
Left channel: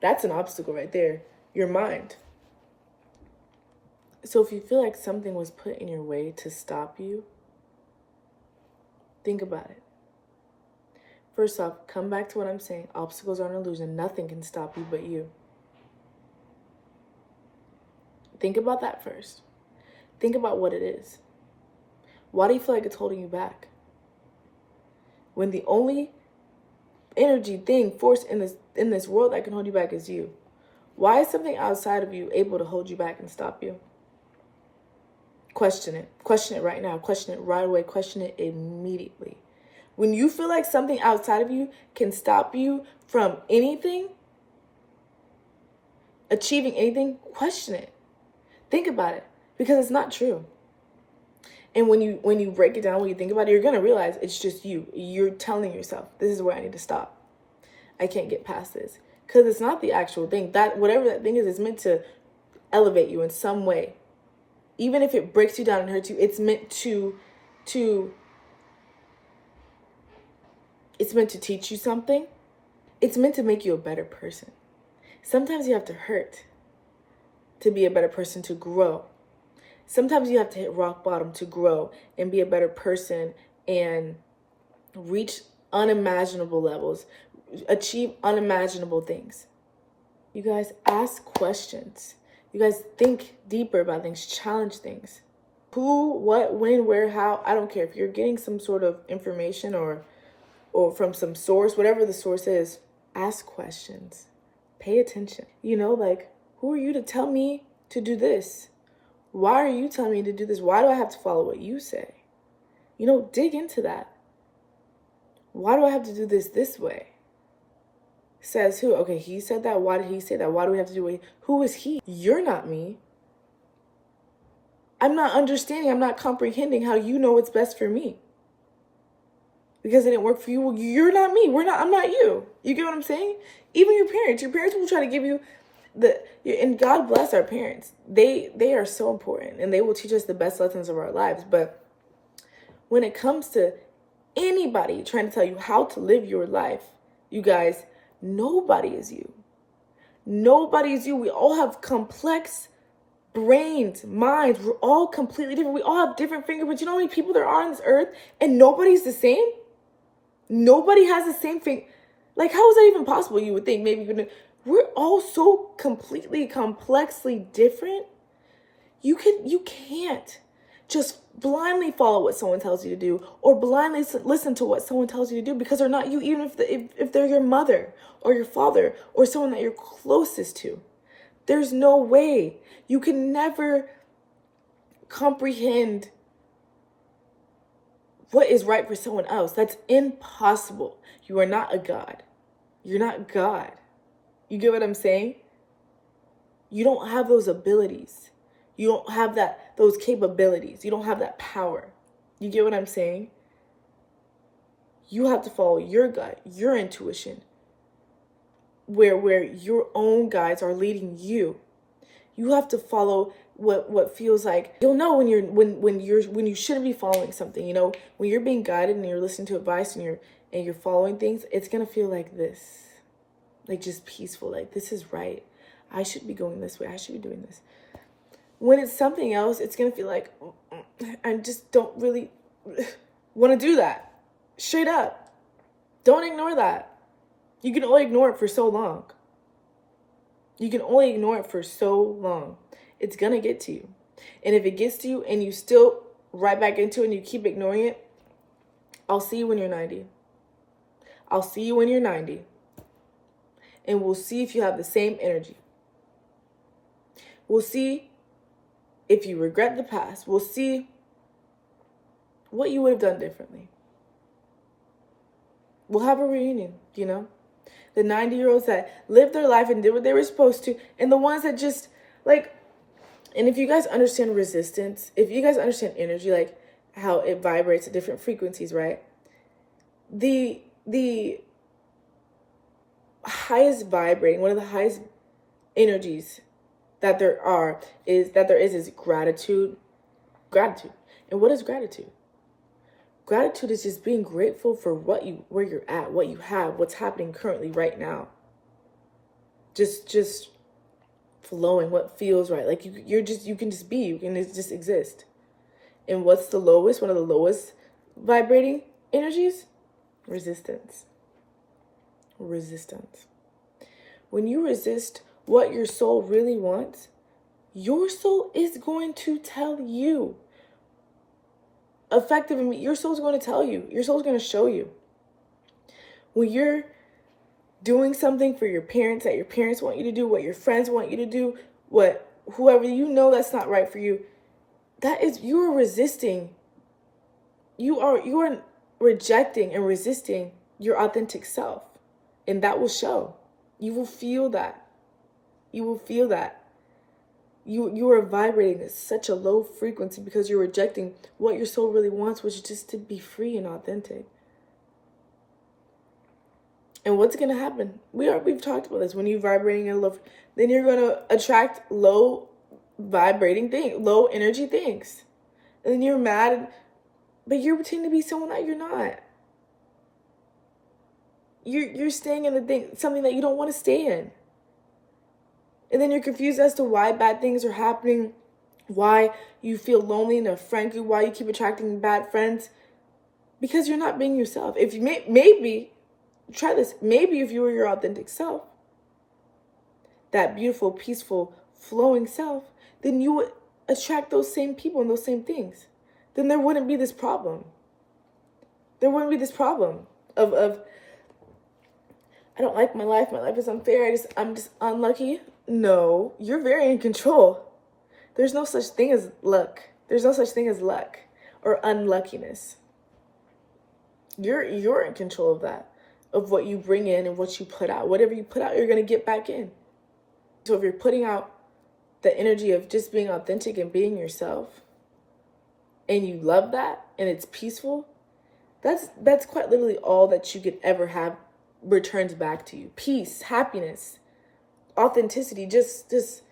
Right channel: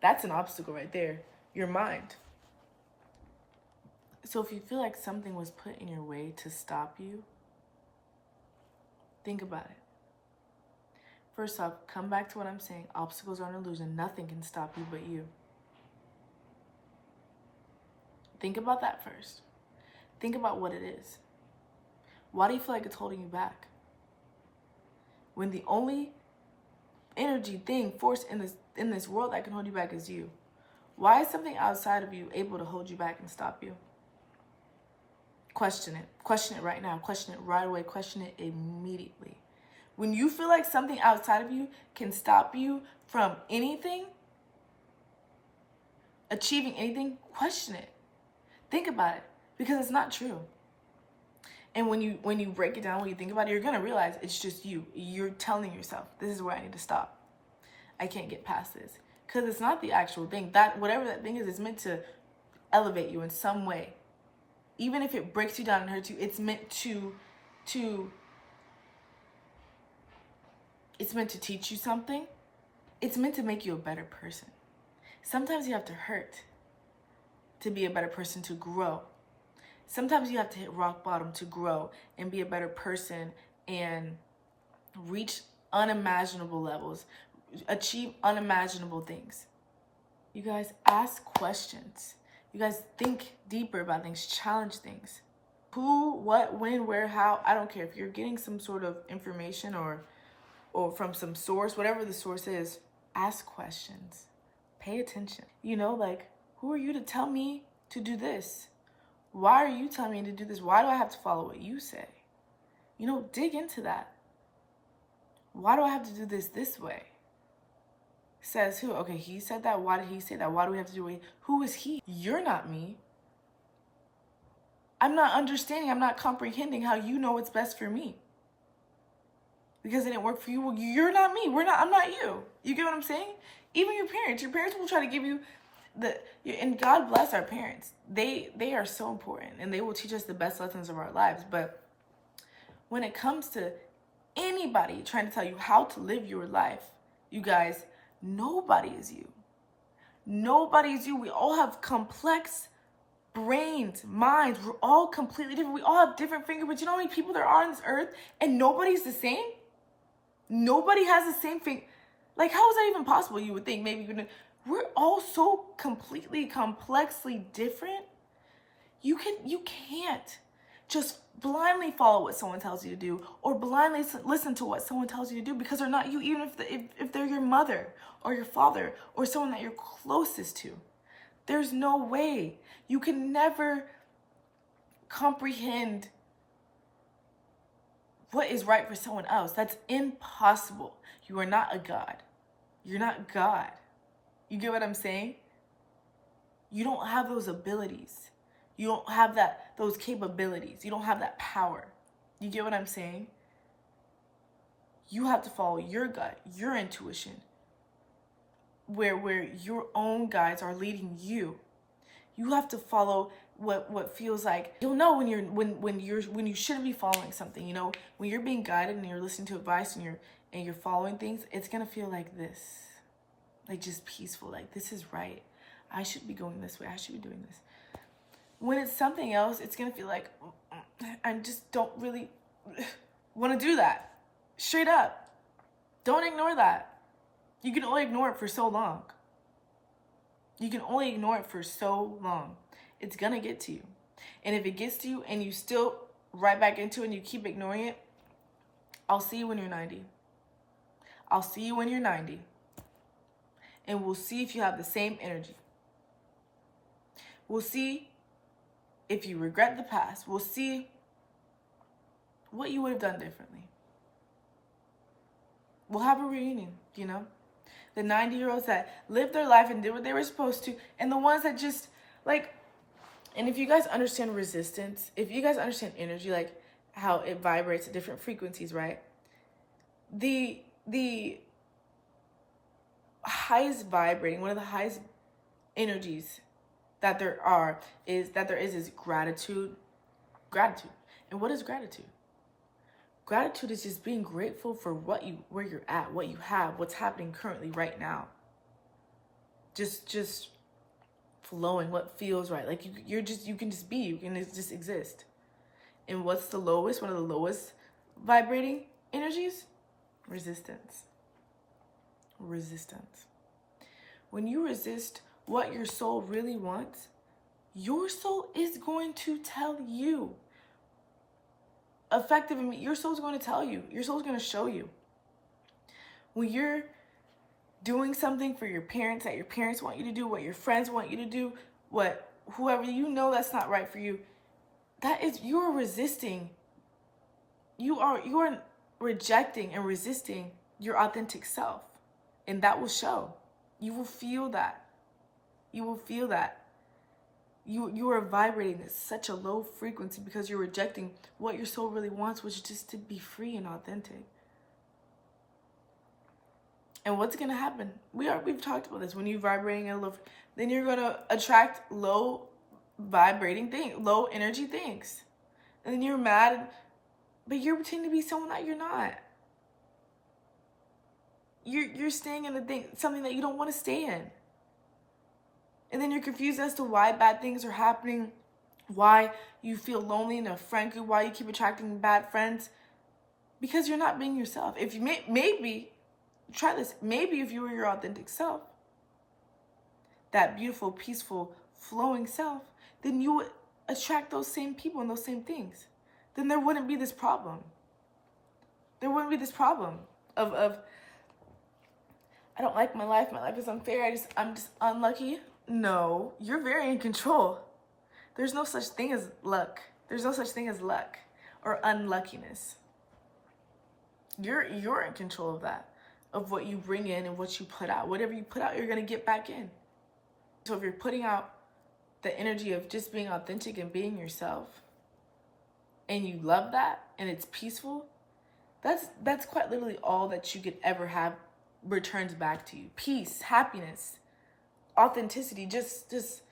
That's an obstacle right there, your mind. So if you feel like something was put in your way to stop you, think about it. First off, come back to what I'm saying. Obstacles are an illusion. Nothing can stop you but you. Think about that first. Think about what it is. Why do you feel like it's holding you back? When the only energy, force in this world that can hold you back is you. Why is something outside of you able to hold you back and stop you? Question it. Question it right now. Question it right away. Question it immediately. When you feel like something outside of you can stop you from anything, achieving anything, question it. Think about it, because it's not true. And when you break it down, when you think about it, you're going to realize it's just you. You're telling yourself, this is where I need to stop. I can't get past this. Because it's not the actual thing. That whatever that thing is, it's meant to elevate you in some way. Even if it breaks you down and hurts you, it's meant to teach you something. It's meant to make you a better person. Sometimes you have to hurt to be a better person, to grow. Sometimes you have to hit rock bottom to grow and be a better person and reach unimaginable levels, achieve unimaginable things. You guys, ask questions. You guys, think deeper about things, challenge things. Who, what, when, where, how, I don't care. If you're getting some sort of information or from some source, whatever the source is, ask questions. Pay attention. Who are you to tell me to do this? Why are you telling me to do this? Why do I have to follow what you say? Dig into that. Why do I have to do this way? Says who? Okay, he said that. Why did he say that? Why do we have to do it? Who is he? You're not me. I'm not understanding. I'm not comprehending how you know what's best for me. Because it didn't work for you. Well, you're not me. I'm not you. You get what I'm saying? Even your parents will try to give you and God bless our parents. They are so important and they will teach us the best lessons of our lives. But when it comes to anybody trying to tell you how to live your life, you guys, nobody is you. Nobody is you. We all have complex brains, minds. We're all completely different. We all have different fingerprints. You know how many people there are on this earth and nobody's the same? Nobody has the same thing. Like, how is that even possible? You would think maybe we're all so completely, complexly different. You can't just blindly follow what someone tells you to do or blindly listen to what someone tells you to do, because they're not you, even if they're your mother or your father or someone that you're closest to. There's no way. You can never comprehend what is right for someone else. That's impossible. You are not a God. You're not God. You get what I'm saying? You don't have those abilities. You don't have those capabilities. You don't have that power. You get what I'm saying? You have to follow your gut, your intuition, where your own guides are leading you. You have to follow what feels like. You'll know when you shouldn't be following something. When you're being guided and you're listening to advice and you're following things, it's gonna feel like this. Like just peaceful, like this is right. I should be going this way. I should be doing this. When it's something else, it's going to feel like, I just don't really want to do that. Straight up. Don't ignore that. You can only ignore it for so long. You can only ignore it for so long. It's going to get to you. And if it gets to you and you still right back into it and you keep ignoring it, I'll see you when you're 90. I'll see you when you're 90. And we'll see if you have the same energy. We'll see if you regret the past. We'll see what you would have done differently. We'll have a reunion, you know? The 90-year-olds that lived their life and did what they were supposed to, and the ones that just, like, and if you guys understand resistance, if you guys understand energy, like how it vibrates at different frequencies, right? The highest vibrating, one of the highest energies that there is gratitude. Gratitude. And what is gratitude? Gratitude is just being grateful for where you're at, what you have, what's happening currently right now. Just flowing, what feels right. Like you can just be, you can just exist. And what's the lowest, one of the lowest vibrating energies? Resistance. Resistance. When you resist what your soul really wants, your soul is going to tell you. Effectively, your soul's going to tell you. Your soul's going to show you. When you're doing something for your parents that your parents want you to do, what your friends want you to do, what whoever you know that's not right for you, you are resisting. You are rejecting and resisting your authentic self. And that will show. You will feel that. You will feel that. You are vibrating at such a low frequency because you're rejecting what your soul really wants, which is just to be free and authentic. And what's going to happen? We've talked about this. When you're vibrating in low, then you're going to attract low vibrating things, low energy things. And then you're mad, but you're pretending to be someone that you're not. You're staying in something that you don't want to stay in. And then you're confused as to why bad things are happening, why you feel lonely in a friend group, why you keep attracting bad friends. Because you're not being yourself. If you maybe, try this, maybe if you were your authentic self, that beautiful, peaceful, flowing self, then you would attract those same people and those same things. Then there wouldn't be this problem. There wouldn't be this problem of I don't like my life is unfair, I'm just unlucky. No, you're very in control. There's no such thing as luck. There's no such thing as luck or unluckiness. You're in control of that, of what you bring in and what you put out. Whatever you put out, you're going to get back in. So if you're putting out the energy of just being authentic and being yourself, and you love that, and it's peaceful, that's quite literally all that you could ever have returns back to you. Peace, happiness, authenticity, just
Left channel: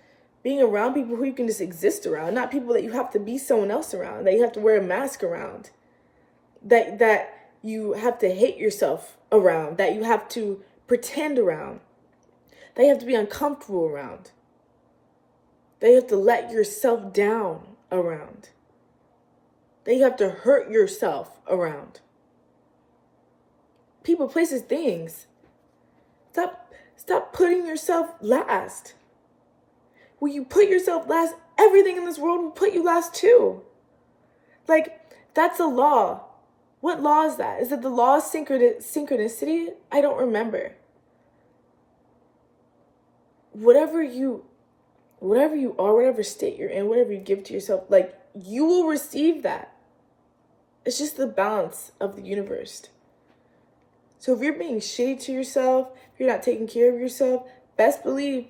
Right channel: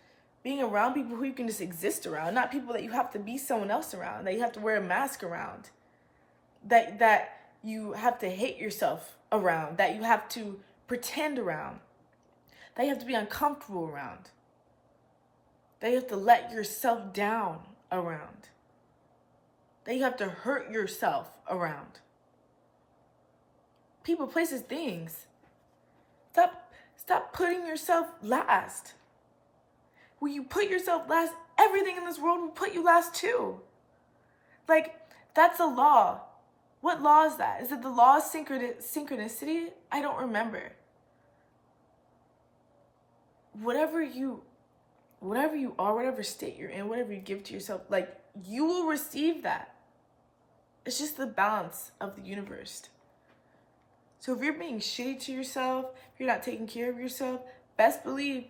being around people who you can just exist around, not people that you have to be someone else around, that you have to wear a mask around, that you have to hate yourself around, that you have to pretend around, that you have to be uncomfortable around, that you have to let yourself down around, that you have to hurt yourself around. People, places, things. Stop putting yourself last. When you put yourself last, everything in this world will put you last too. Like, that's a law. What law is that? Is it the law of synchronicity? I don't remember. Whatever you are, whatever state you're in, whatever you give to yourself, like, you will receive that. It's just the balance of the universe. So if you're being shitty to yourself, if you're not taking care of yourself, best believe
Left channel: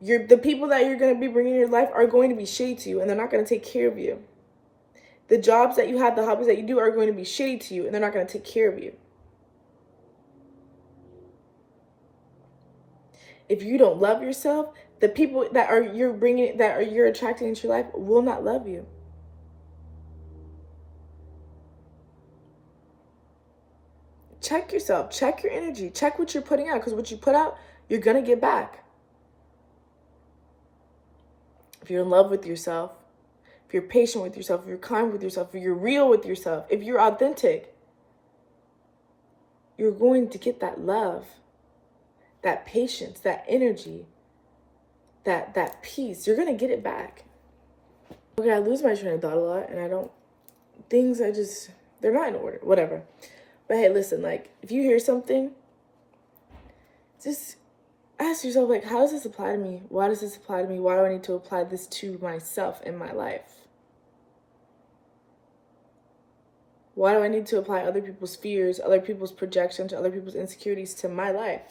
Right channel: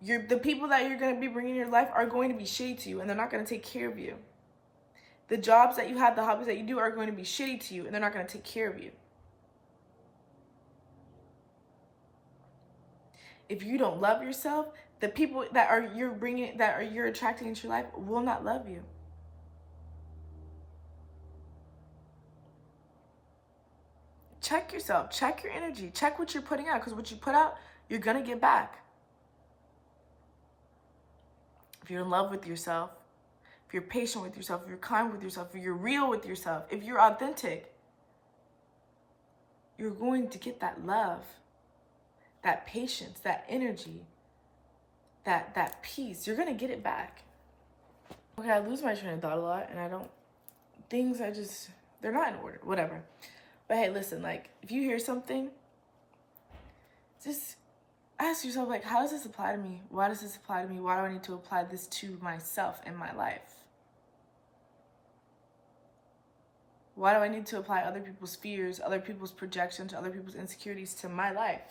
the people that you're going to be bringing in your life are going to be shitty to you, and they're not going to take care of you. The jobs that you have, the hobbies that you do are going to be shitty to you, and they're not going to take care of you. If you don't love yourself, the people that you're attracting into your life will not love you. Check yourself, check your energy, check what you're putting out, because what you put out, you're going to get back. if you're in love with yourself, if you're patient with yourself, if you're kind with yourself, if you're real with yourself, if you're authentic, you're going to get that love, that patience, that energy, that peace. You're going to get it back. Okay, I lose my train of thought a lot, and they're not in order, whatever. But hey, listen, like, if you hear something, just ask yourself, like, how does this apply to me? Why does this apply to me? Why do I need to apply this to myself in my life? Why do I need to apply other people's fears, other people's projections, other people's insecurities to my life?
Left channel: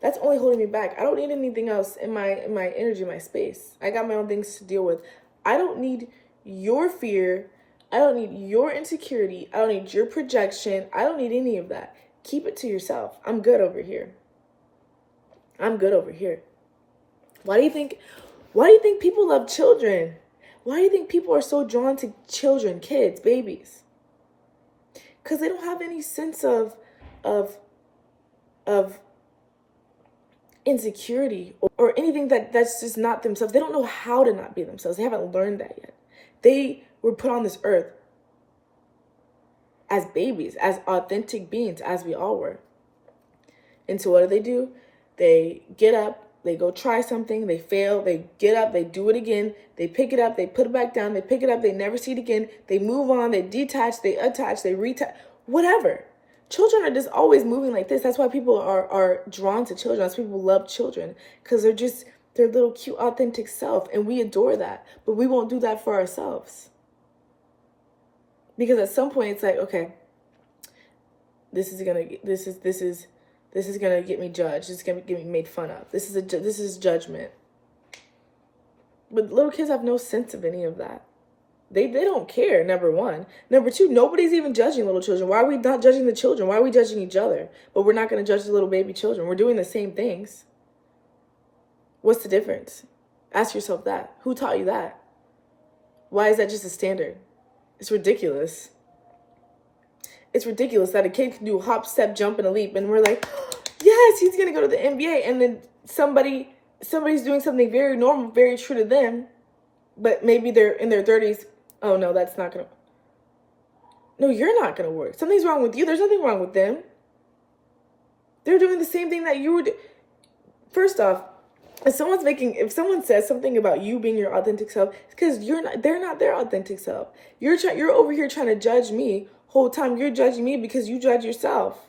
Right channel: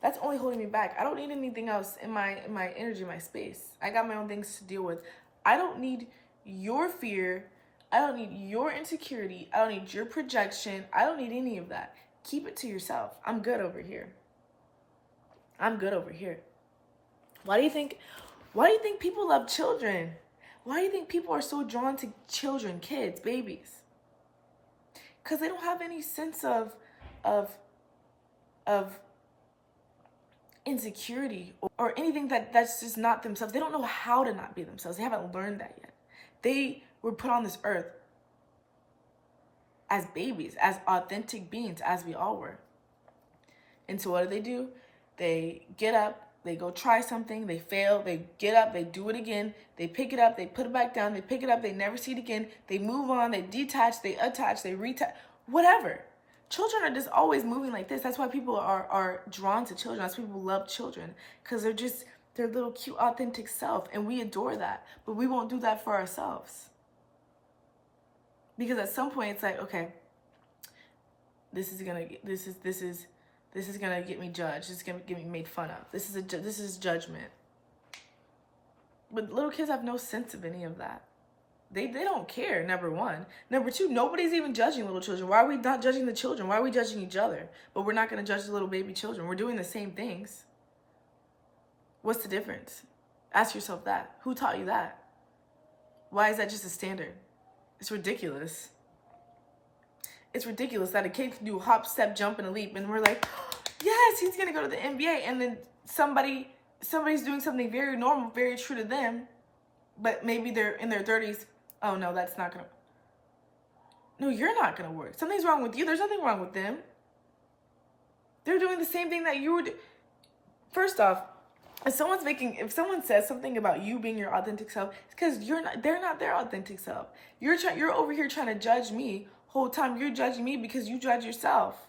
That's only holding me back. I don't need anything else in my energy, my space. I got my own things to deal with. I don't need your fear. I don't need your insecurity. I don't need your projection. I don't need any of that. Keep it to yourself. I'm good over here. I'm good over here. Why do you think people love children? Why do you think people are so drawn to children, kids, babies? Because they don't have any sense of insecurity or anything that's just not themselves. They don't know how to not be themselves. They haven't learned that yet. They were put on this earth as babies, as authentic beings, as we all were. And so what do? They get up, they go try something, they fail, they get up, they do it again, they pick it up, they put it back down, they pick it up, they never see it again, they move on, they detach, they attach, they retach, whatever. Children are just always moving like this. That's why people are drawn to children. That's why people love children, because they're just their little cute, authentic self, and we adore that. But we won't do that for ourselves. Because at some point it's like, okay, this is gonna get me judged. It's gonna get me made fun of. This is judgment. But little kids have no sense of any of that. They don't care, number one. Number two, nobody's even judging little children. Why are we not judging the children? Why are we judging each other? But we're not going to judge the little baby children. We're doing the same things. What's the difference? Ask yourself that. Who taught you that? Why is that just a standard? It's ridiculous. It's ridiculous that a kid can do a hop, step, jump, and a leap, and we're like, oh, yes, he's going to go to the NBA, and then somebody's doing something very normal, very true to them, but maybe they're in their 30s. Oh, no, that's not going to... No, you're not going to work. Something's wrong with you. There's nothing wrong with them. They're doing the same thing that you were doing. First off, if someone says something about you being your authentic self, it's because they're not their authentic self. You're over here trying to judge me. Whole time you're judging me because you judge yourself.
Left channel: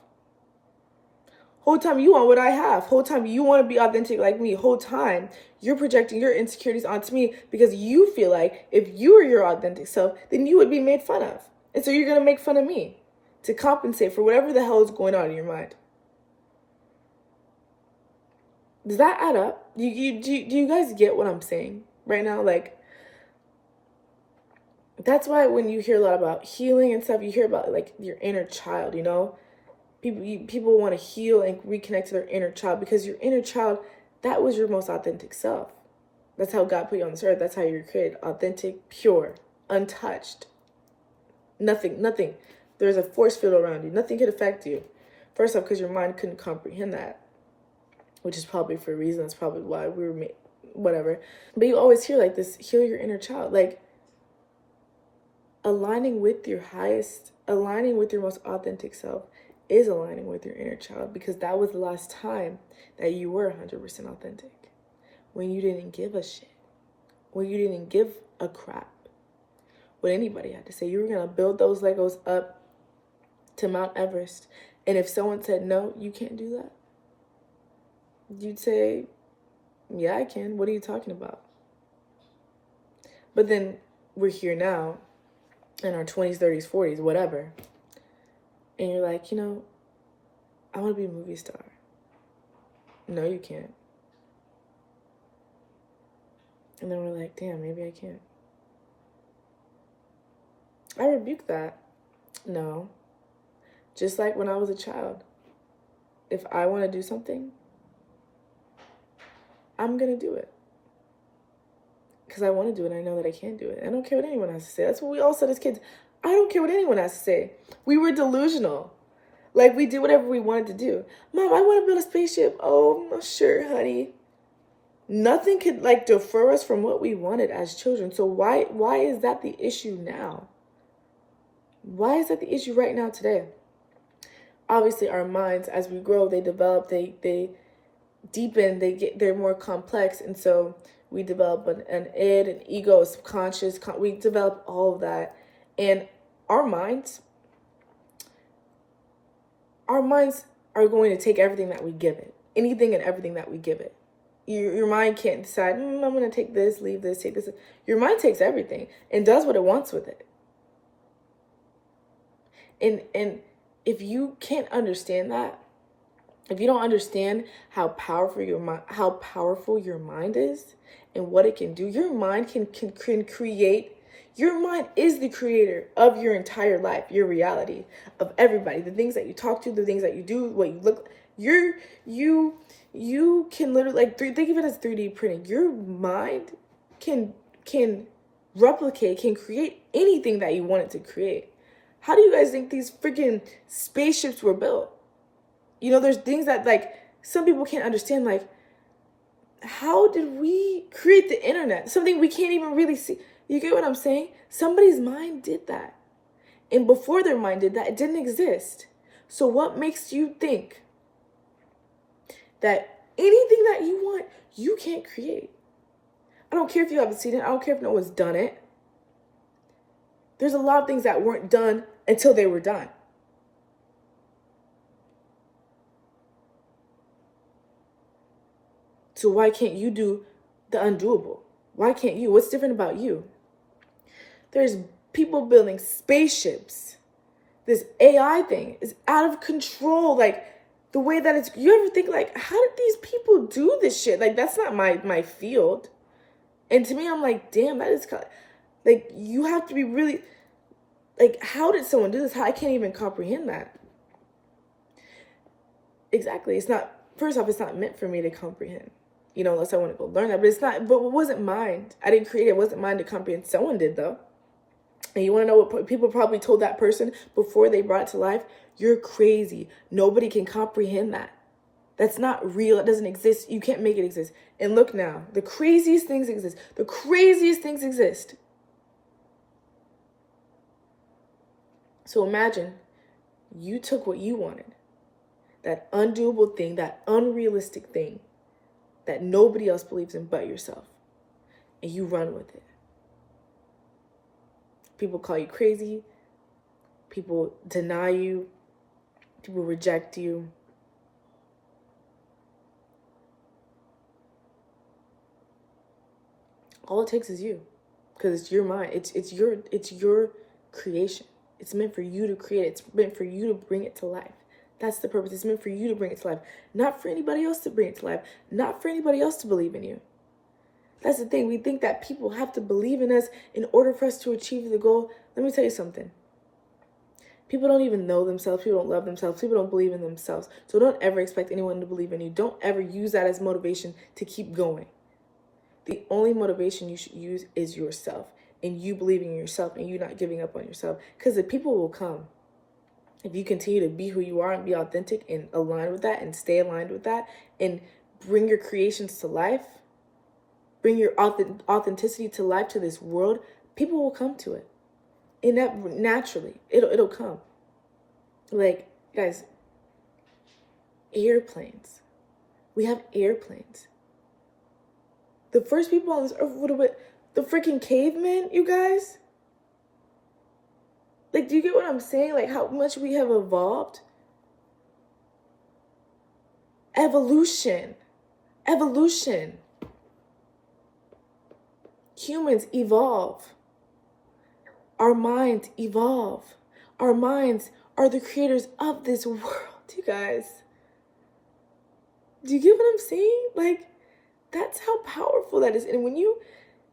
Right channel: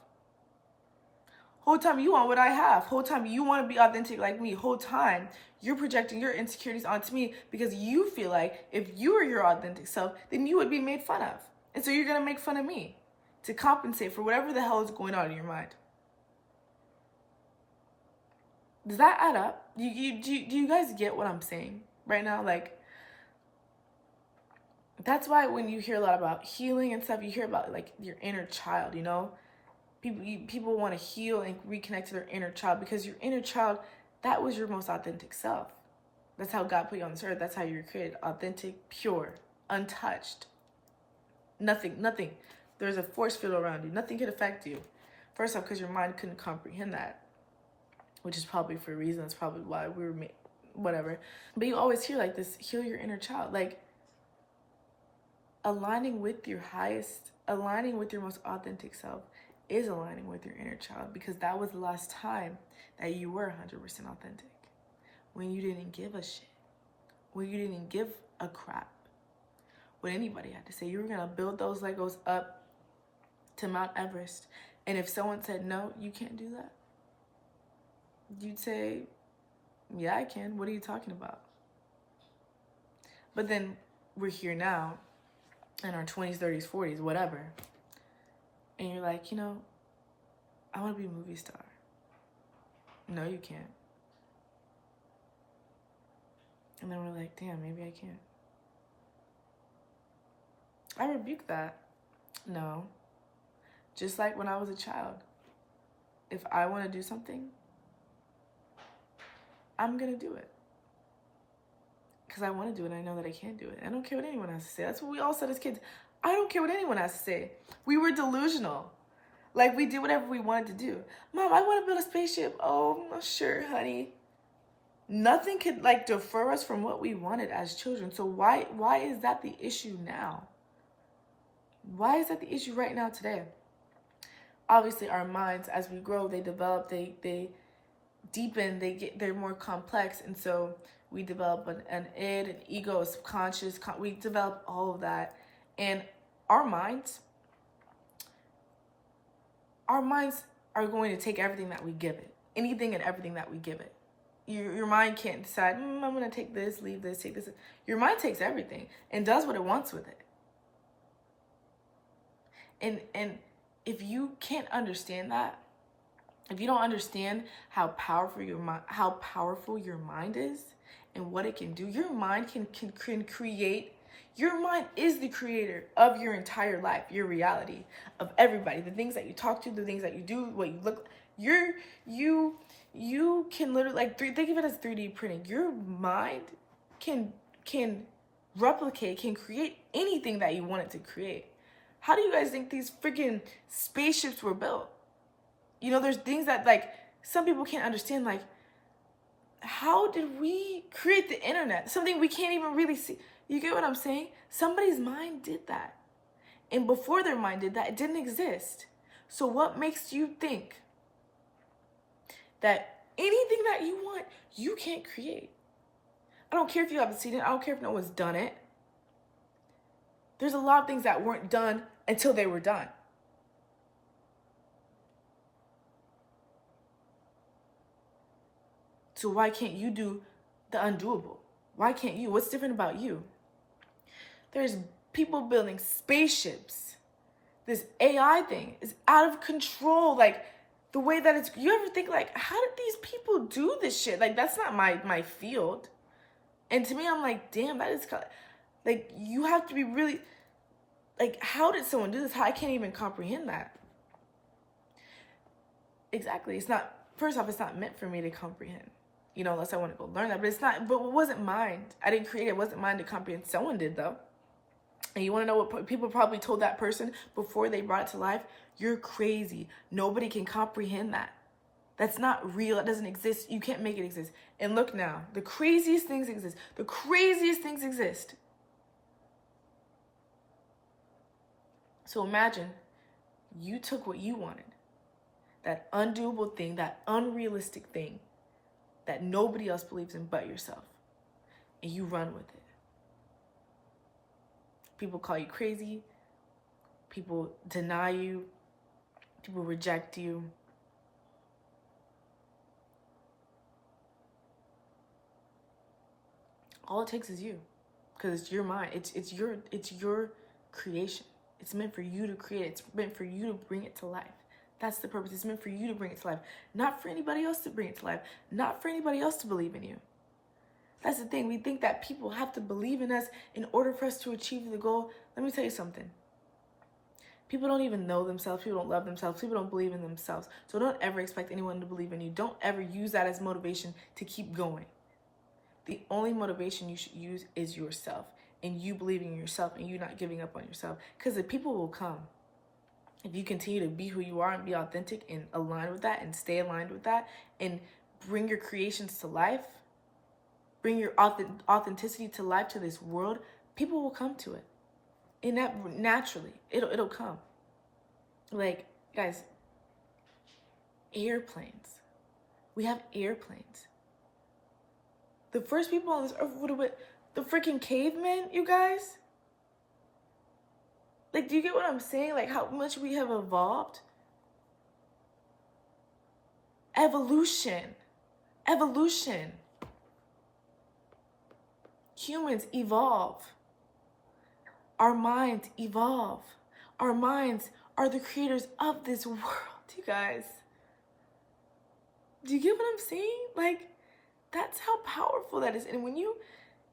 Whole time you want what I have. Whole time you want to be authentic like me. Whole time you're projecting your insecurities onto me because you feel like if you were your authentic self, then you would be made fun of. And so you're going to make fun of me to compensate for whatever the hell is going on in your mind. Does that add up? Do you guys get what I'm saying right now? Like, that's why when you hear a lot about healing and stuff, you hear about like your inner child, you know? People want to heal and reconnect to their inner child because your inner child, that was your most authentic self. That's how God put you on this earth. That's how you're created. Authentic, pure, untouched. Nothing. There's a force field around you. Nothing could affect you. First off, because your mind couldn't comprehend that, which is probably for a reason. That's probably why we were made, whatever. But you always hear like this, heal your inner child. Like aligning with your most authentic self is aligning with your inner child, because that was the last time that you were 100% authentic. When you didn't give a shit. When you didn't give a crap what anybody had to say. You were going to build those Legos up to Mount Everest. And if someone said, no, you can't do that, you'd say, yeah, I can. What are you talking about? But then we're here now in our 20s, 30s, 40s, whatever. And you're like, I want to be a movie star. No, you can't. And then we're like, damn, maybe I can't. I rebuke that. No. Just like when I was a child. If I want to do something, I'm going to do it. Because I want to do it. I know that I can do it. I don't care what anyone has to say. That's what we all said as kids. I don't care what anyone has to say. We were delusional. Like, we did whatever we wanted to do. Mom, I want to build a spaceship. Oh, sure, honey. Nothing could like defer us from what we wanted as children. So why is that the issue now? Why is that the issue right now today? Obviously our minds, as we grow, they develop, they deepen, they're more complex, and so we develop an id, an ego, a subconscious, we develop all of that. And our minds are going to take everything that we give it, anything and everything that we give it. Your mind can't decide, I'm going to take this, leave this, take this. Your mind takes everything and does what it wants with it. And if you can't understand that, if you don't understand how powerful your mind is and what it can do, your mind can create. Your mind is the creator of your entire life, your reality, of everybody, the things that you talk to, the things that you do, what you look. You can literally think of it as 3D printing. Your mind can replicate, can create anything that you want it to create. How do you guys think these freaking spaceships were built? You know, there's things that like some people can't understand, like how did we create the internet? Something we can't even really see. You get what I'm saying? Somebody's mind did that. And before their mind did that, it didn't exist. So what makes you think that anything that you want, you can't create? I don't care if you haven't seen it. I don't care if no one's done it. There's a lot of things that weren't done until they were done. So why can't you do the undoable? Why can't you? What's different about you? There's people building spaceships. This AI thing is out of control. Like the way that it's, you ever think like, how did these people do this shit? Like that's not my field. And to me, I'm like, damn, that is like, you have to be really, like, how did someone do this? I can't even comprehend that. Exactly. It's not, first off, it's not meant for me to comprehend, you know, unless I want to go learn that. But it's not, but it wasn't mine. I didn't create it. It wasn't mine to comprehend. Someone did, though. And you want to know what people probably told that person before they brought it to life? You're crazy. Nobody can comprehend that. That's not real. It doesn't exist. You can't make it exist. And look now, the craziest things exist. The craziest things exist. So imagine you took what you wanted, that undoable thing, that unrealistic thing that nobody else believes in but yourself, and you run with it. People call you crazy. People deny you. People reject you. All it takes is you, because it's your mind. It's your creation. It's meant for you to create. It's meant for you to bring it to life. That's the purpose. It's meant for you to bring it to life, not for anybody else to bring it to life, not for anybody else to believe in you. That's the thing. We think that people have to believe in us in order for us to achieve the goal. Let me tell you something. People don't even know themselves. People don't love themselves. People don't believe in themselves. So don't ever expect anyone to believe in you. Don't ever use that as motivation to keep going. The only motivation you should use is yourself, and you believing in yourself and you not giving up on yourself, because the people will come. If you continue to be who you are and be authentic and align with that and stay aligned with that and bring your creations to life, bring your authenticity to life, to this world, people will come to it. And that naturally, it'll come. Like, guys, airplanes. We have airplanes. The first people on this earth would have been the freaking cavemen, you guys. Like, do you get what I'm saying? Like, how much we have evolved? Evolution. Evolution. Humans evolve. Our minds evolve. Our minds are the creators of this world, you guys. Do you get what I'm saying? Like, that's how powerful that is. And when you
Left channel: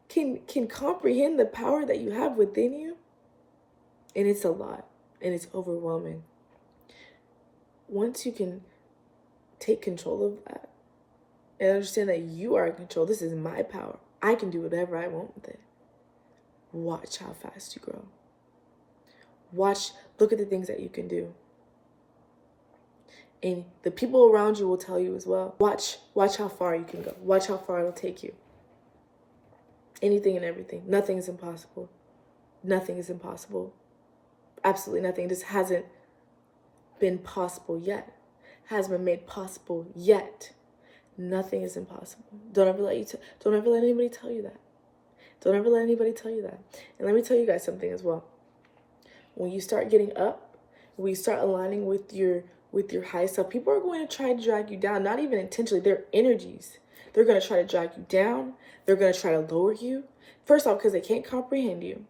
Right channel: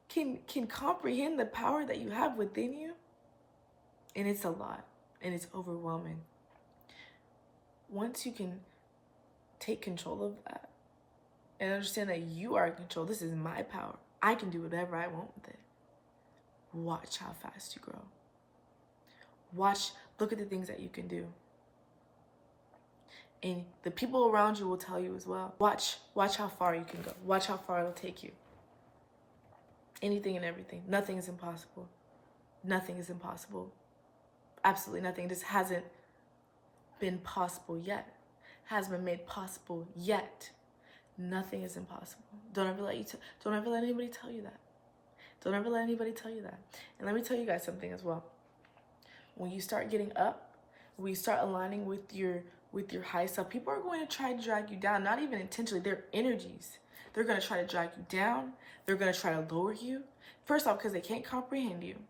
can comprehend the power that you have within you, and it's a lot, and it's overwhelming. Once you can take control of that and understand that you are in control, this is my power. I can do whatever I want with it. Watch how fast you grow. Look at the things that you can do. And the people around you will tell you as well. Watch how far you can go. Watch how far it'll take you. Anything and everything. Nothing is impossible. Nothing is impossible. Absolutely nothing. It just hasn't been possible yet. Hasn't been made possible yet. Nothing is impossible. Don't ever let anybody tell you that. Don't ever let anybody tell you that. And let me tell you guys something as well. When you start getting up, when you start aligning with your high self, people are going to try to drag you down, not even intentionally. They're energies. They're going to try to drag you down. They're going to try to lower you. First off, because they can't comprehend you.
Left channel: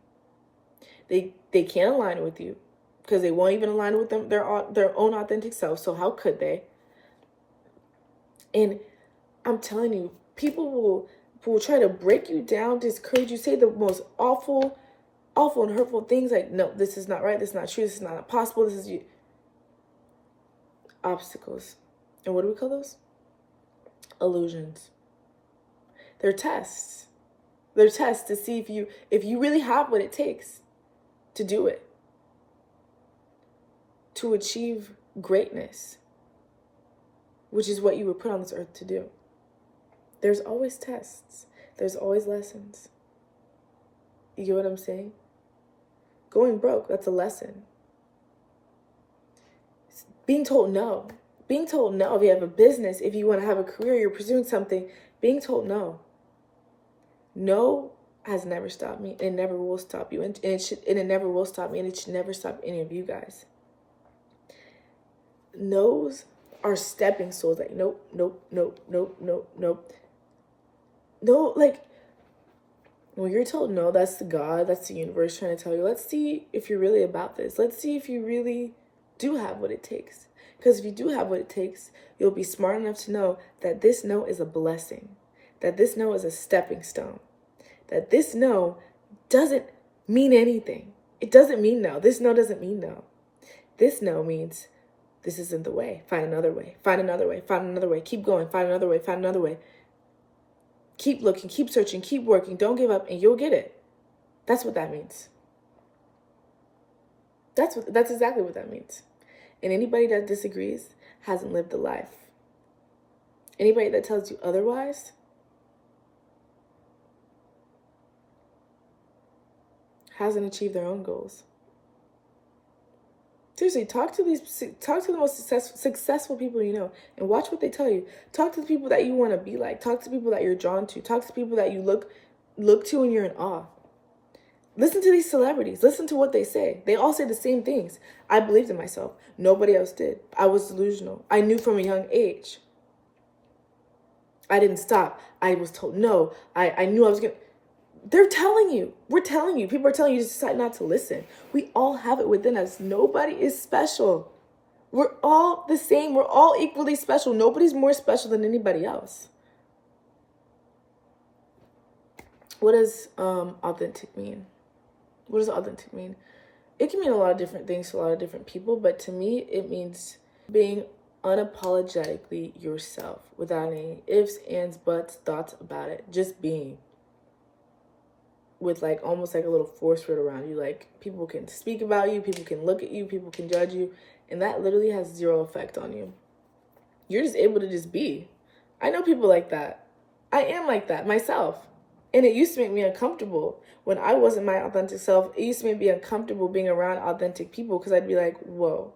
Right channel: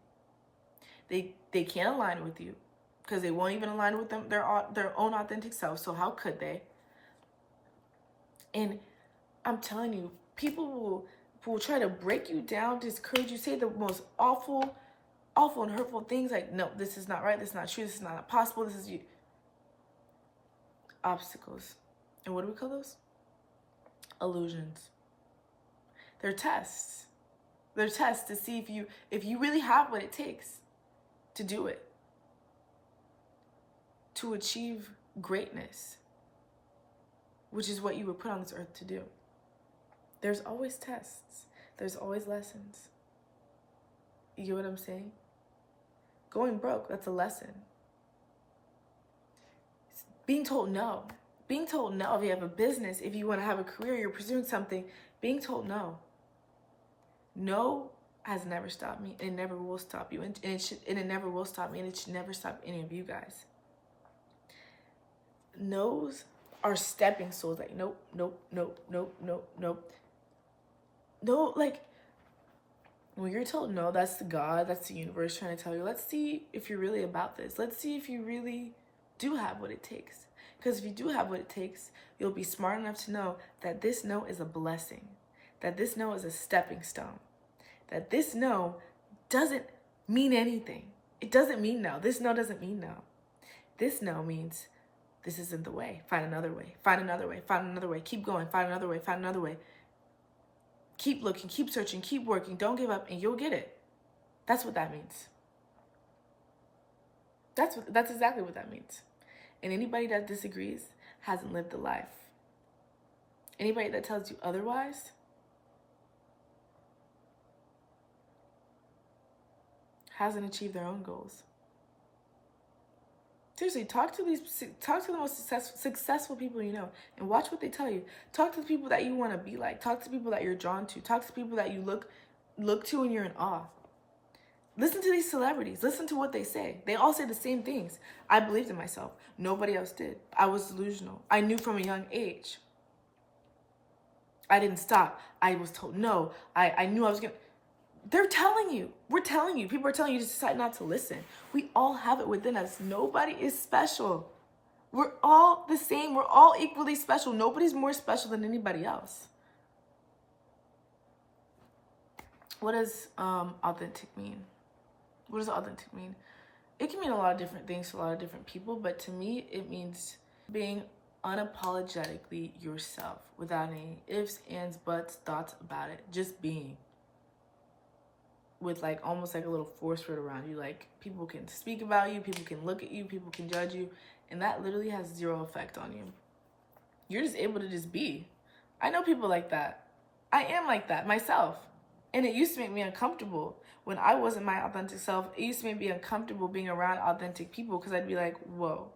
They can't align with you because they won't even align with their own authentic self. So how could they? And I'm telling you, people will try to break you down, discourage you, say the most awful and hurtful things like, no, this is not right, this is not true, this is not possible, this is you. Obstacles. And what do we call those? Illusions. They're tests. They're tests to see if you really have what it takes to do it, to achieve greatness, which is what you were put on this earth to do. There's always tests. There's always lessons. You get what I'm saying? Going broke, that's a lesson. Being told no. Being told no if you have a business, if you want to have a career, you're pursuing something, being told no. No has never stopped me, and it never will stop you. And it never will stop me, and it should never stop any of you guys. No's are stepping stones. Like, nope. No, like, when you're told no, that's the God, that's the universe trying to tell you, let's see if you're really about this. Let's see if you really do have what it takes. Because if you do have what it takes, you'll be smart enough to know that this no is a blessing, that this no is a stepping stone, that this no doesn't mean anything. It doesn't mean no. This no doesn't mean no. This no means this isn't the way. Find another way. Find another way. Find another way. Keep going. Find another way. Find another way. Keep looking, keep searching, keep working. Don't give up, and you'll get it. That's what that means. That's exactly what that means. And anybody that disagrees hasn't lived a life. Anybody that tells you otherwise hasn't achieved their own goals. Seriously, talk to the most successful people you know and watch what they tell you. Talk to the people that you want to be like. Talk to people that you're drawn to. Talk to people that you look to and you're in awe. Listen to these celebrities. Listen to what they say. They all say the same things. I believed in myself. Nobody else did. I was delusional. I knew from a young age. I didn't stop. I was told no. I knew I was going to. They're telling you. We're telling you. People are telling you to decide not to listen. We all have it within us. Nobody is special. We're all the same. We're all equally special. Nobody's more special than anybody else. What does authentic mean? What does authentic mean? It can mean a lot of different things to a lot of different people, but to me, it means being unapologetically yourself without any ifs, ands, buts, thoughts about it. Just being. With like almost like a little force field around you. Like, people can speak about you, people can look at you, people can judge you, and that literally has zero effect on you. You're just able to just be. I know people like that. I am like that myself. And it used to make me uncomfortable. When I wasn't my authentic self, it used to make me uncomfortable being around authentic people because I'd be like, whoa.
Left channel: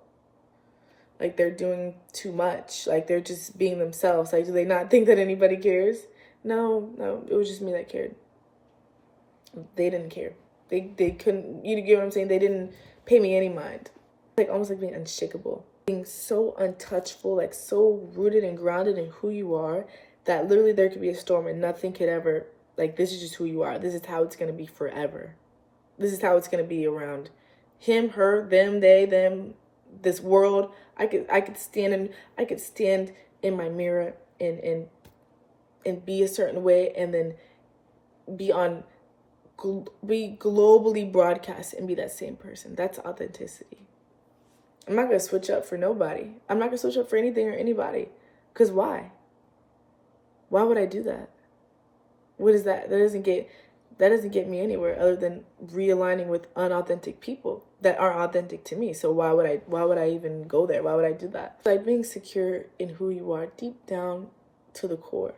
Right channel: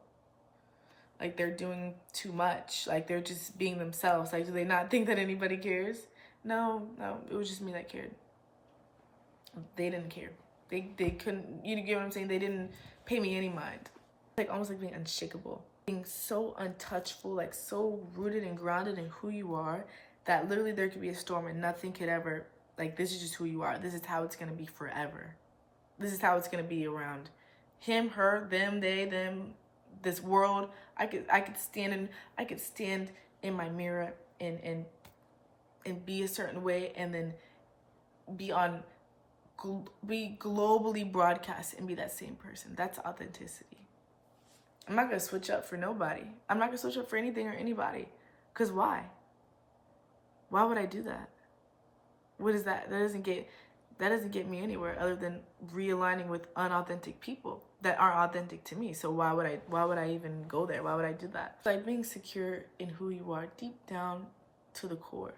Like, they're doing too much. Like, they're just being themselves. Like, do they not think that anybody cares? No, it was just me that cared. They didn't care. They couldn't, you get what I'm saying? They didn't pay me any mind. Like, almost like being unshakable. Being so untouchable, like so rooted and grounded in who you are that literally there could be a storm and nothing could ever, like, this is just who you are. This is how it's going to be forever. This is how it's going to be around him, her, them, they, them, this world. I could stand in my mirror and be a certain way and then be globally broadcast and be that same person. That's authenticity. I'm not going to switch up for nobody. I'm not going to switch up for anything or anybody. Because why? Why would I do that? What is that? That doesn't get That doesn't get me anywhere other than realigning with unauthentic people that aren't authentic to me. So why would I even go there? Why would I do that? Like being secure in who you are deep down to the core.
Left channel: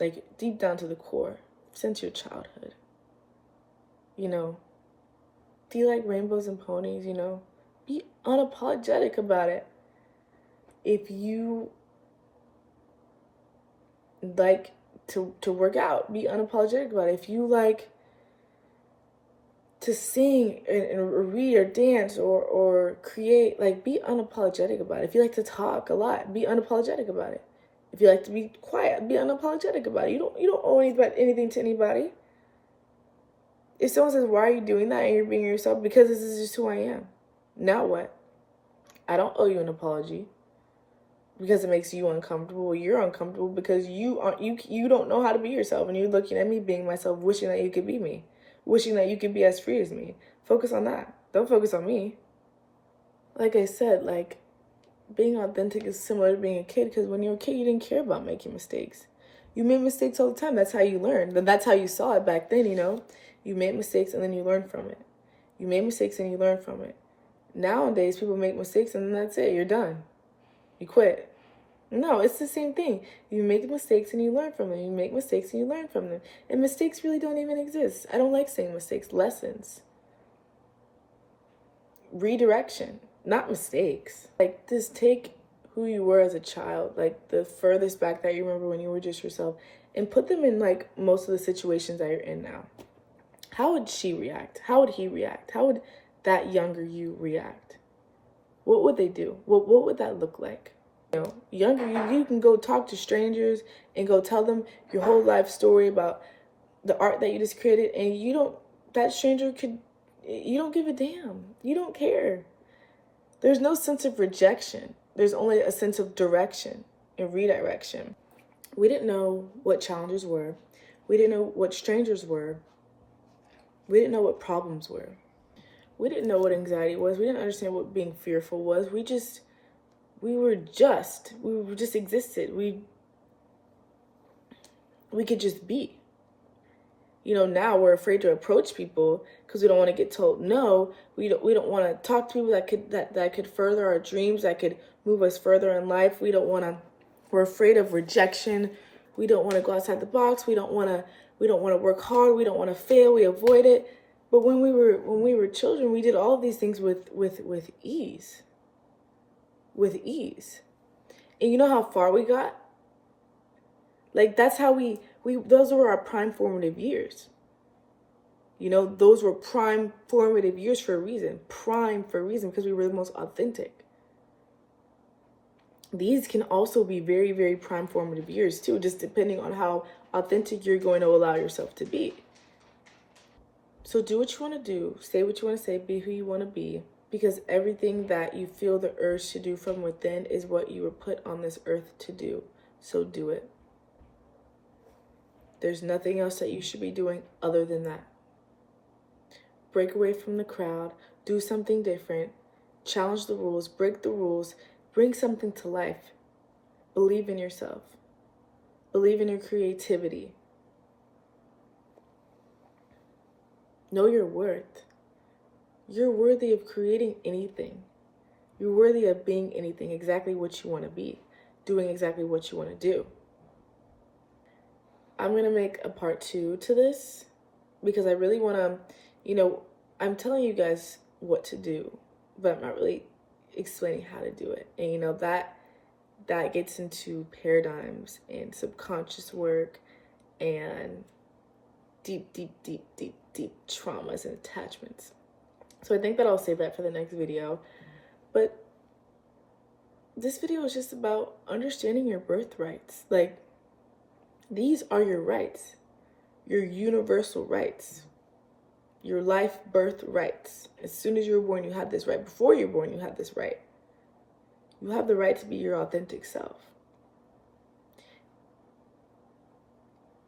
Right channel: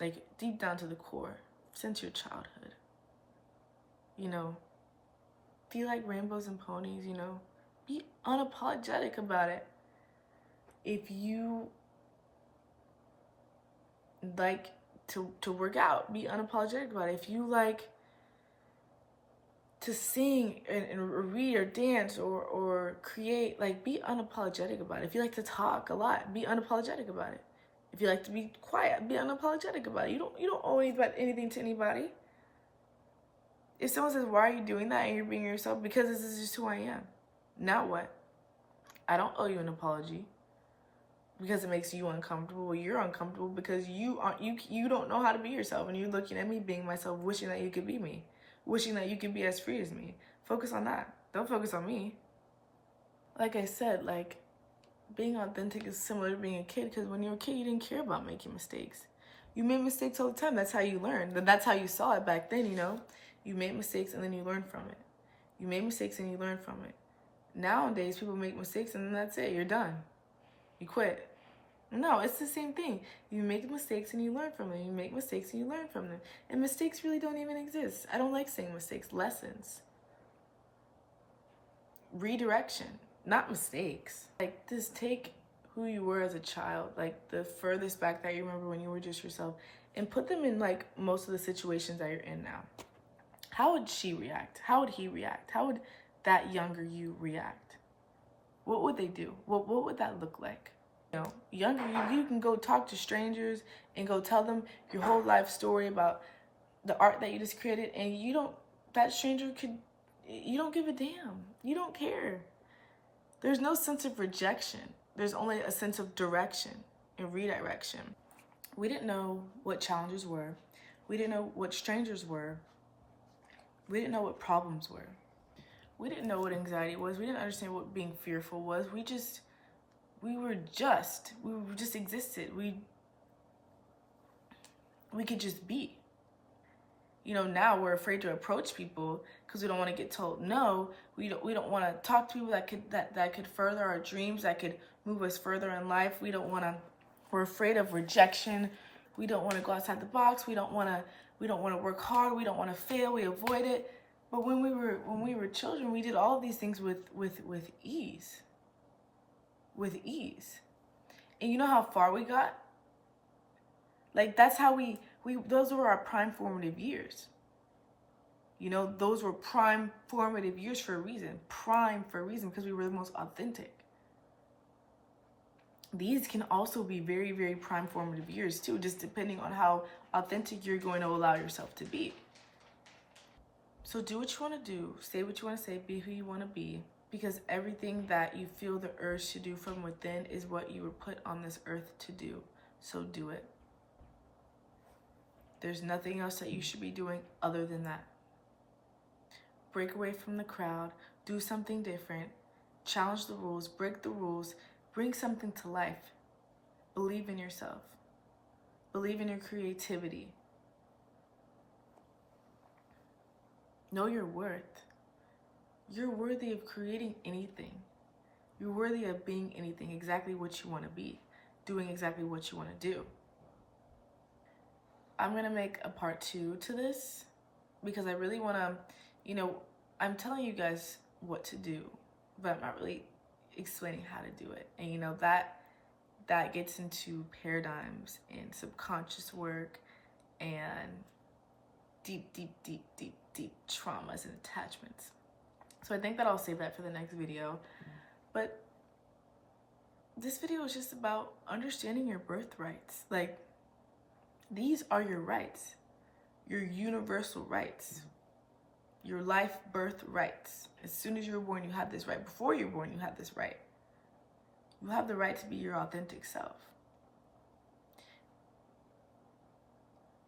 Like deep down to the core since your childhood. You know, do you like rainbows and ponies, you know? Be unapologetic about it. If you like to work out, be unapologetic about it. If you like to sing and read or dance or create, like be unapologetic about it. If you like to talk a lot, be unapologetic about it. If you like to be quiet, be unapologetic about it. You don't owe anything to anybody. If someone says, why are you doing that? And you're being yourself, because this is just who I am. Now what? I don't owe you an apology because it makes you uncomfortable. You're uncomfortable because you don't know how to be yourself. And you're looking at me being myself, wishing that you could be me. Wishing that you could be as free as me. Focus on that. Don't focus on me. Like I said, like being authentic is similar to being a kid, because when you were a kid, you didn't care about making mistakes. You made mistakes all the time. That's how you learned. And that's how you saw it back then, you know? You made mistakes and then you learned from it. You made mistakes and you learned from it. Nowadays, people make mistakes and then that's it. You're done. You quit. No, it's the same thing. You make mistakes and you learn from them. You make mistakes and you learn from them. And mistakes really don't even exist. I don't like saying mistakes. Lessons. Redirection. Not mistakes. Like, just take who you were as a child, like the furthest back that you remember when you were just yourself, and put them in like most of the situations that you're in now. How would she react? How would he react? How would that younger you react? What would they do? What would that look like? You know, younger you can go talk to strangers and go tell them your whole life story about the art that you just created, and that stranger you don't give a damn. You don't care. There's no sense of rejection. There's only a sense of direction and redirection. We didn't know what challenges were. We didn't know what strangers were. We didn't know what problems were. We didn't know what anxiety was. We didn't understand what being fearful was. We just existed. We could just be. You know, now we're afraid to approach people because we don't want to get told no. We don't want to talk to people that could further our dreams, that could move us further in life. We're afraid of rejection. We don't want to go outside the box. We don't want to work hard. We don't want to fail. We avoid it. But when we were children, we did all of these things with ease. With ease. And you know how far we got? Like, that's how those were our prime formative years. You know, those were prime formative years for a reason. Prime for a reason, because we were the most authentic. These can also be very, very prime formative years too, just depending on how authentic you're going to allow yourself to be. So do what you want to do, say what you want to say, be who you want to be, because everything that you feel the urge to do from within is what you were put on this earth to do. So do it. There's nothing else that you should be doing other than that. Break away from the crowd, do something different, challenge the rules, break the rules, bring something to life. Believe in yourself. Believe in your creativity. Know your worth. You're worthy of creating anything. You're worthy of being anything, exactly what you want to be, doing exactly what you want to do. I'm going to make a part 2 to this because I really want to, I'm telling you guys what to do, but I'm not really explaining how to do it. And, that gets into paradigms and subconscious work and deep traumas and attachments. So I think that I'll save that for the next video. But this video is just about understanding your birthrights. Like, these are your rights, your universal rights, your life birth rights. As soon as you were born, you had this right. Before you were born, you had this right. You have the right to be your authentic self.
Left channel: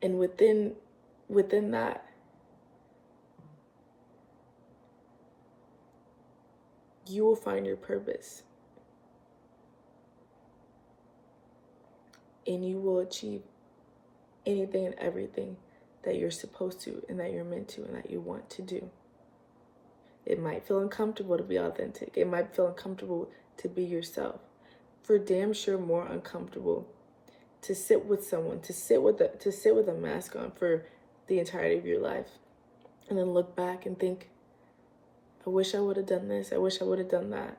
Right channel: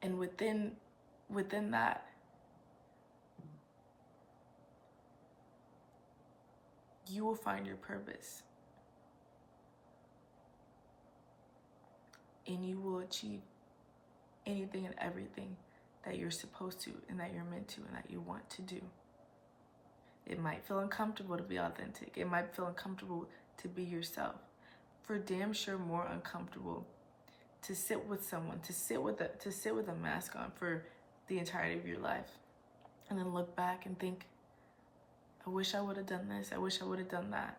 And within that, you will find your purpose. And you will achieve anything and everything that you're supposed to and that you're meant to and that you want to do. It might feel uncomfortable to be authentic. It might feel uncomfortable to be yourself. For damn sure more uncomfortable to sit with someone, to sit with a mask on for the entirety of your life, and then look back and think, I wish I would have done this. I wish I would have done that.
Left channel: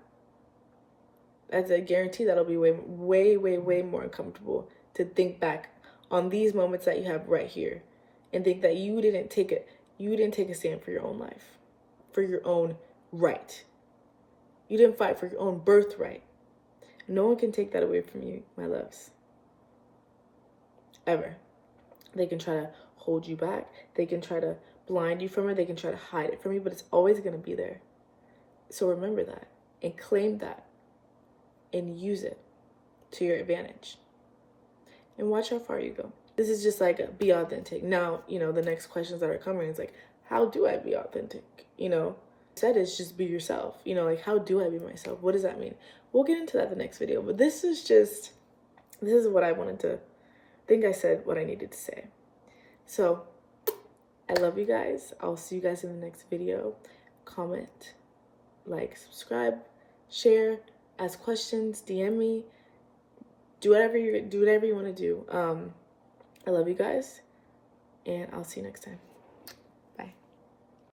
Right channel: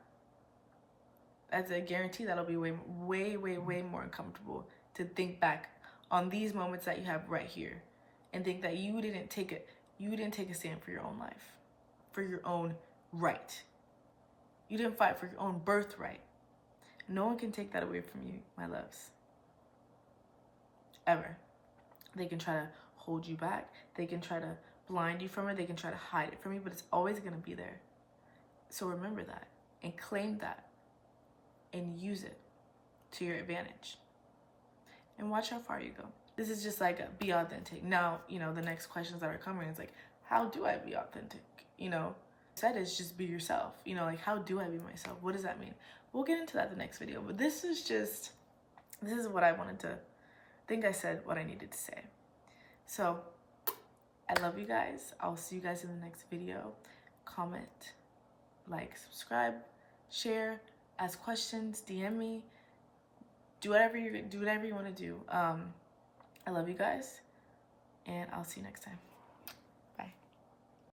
As I guarantee that'll be way more uncomfortable to think back on these moments that you have right here and think that you didn't take a stand for your own life, for your own right. You didn't fight for your own birthright. No one can take that away from you, my loves. Ever. They can try to hold you back. They can try to blind you from it. They can try to hide it from you, but it's always going to be there. So remember that and claim that and use it to your advantage. And watch how far you go. This is just like, be authentic. Now, the next questions that are coming is like, how do I be authentic? Said is just be yourself. How do I be myself? What does that mean? We'll get into that in the next video, but this is what I wanted to, think I said what I needed to say. So I love you guys. I'll see you guys in the next video. Comment, like, subscribe, share, ask questions, DM me, do whatever you want to do. I love you guys, and I'll see you next time.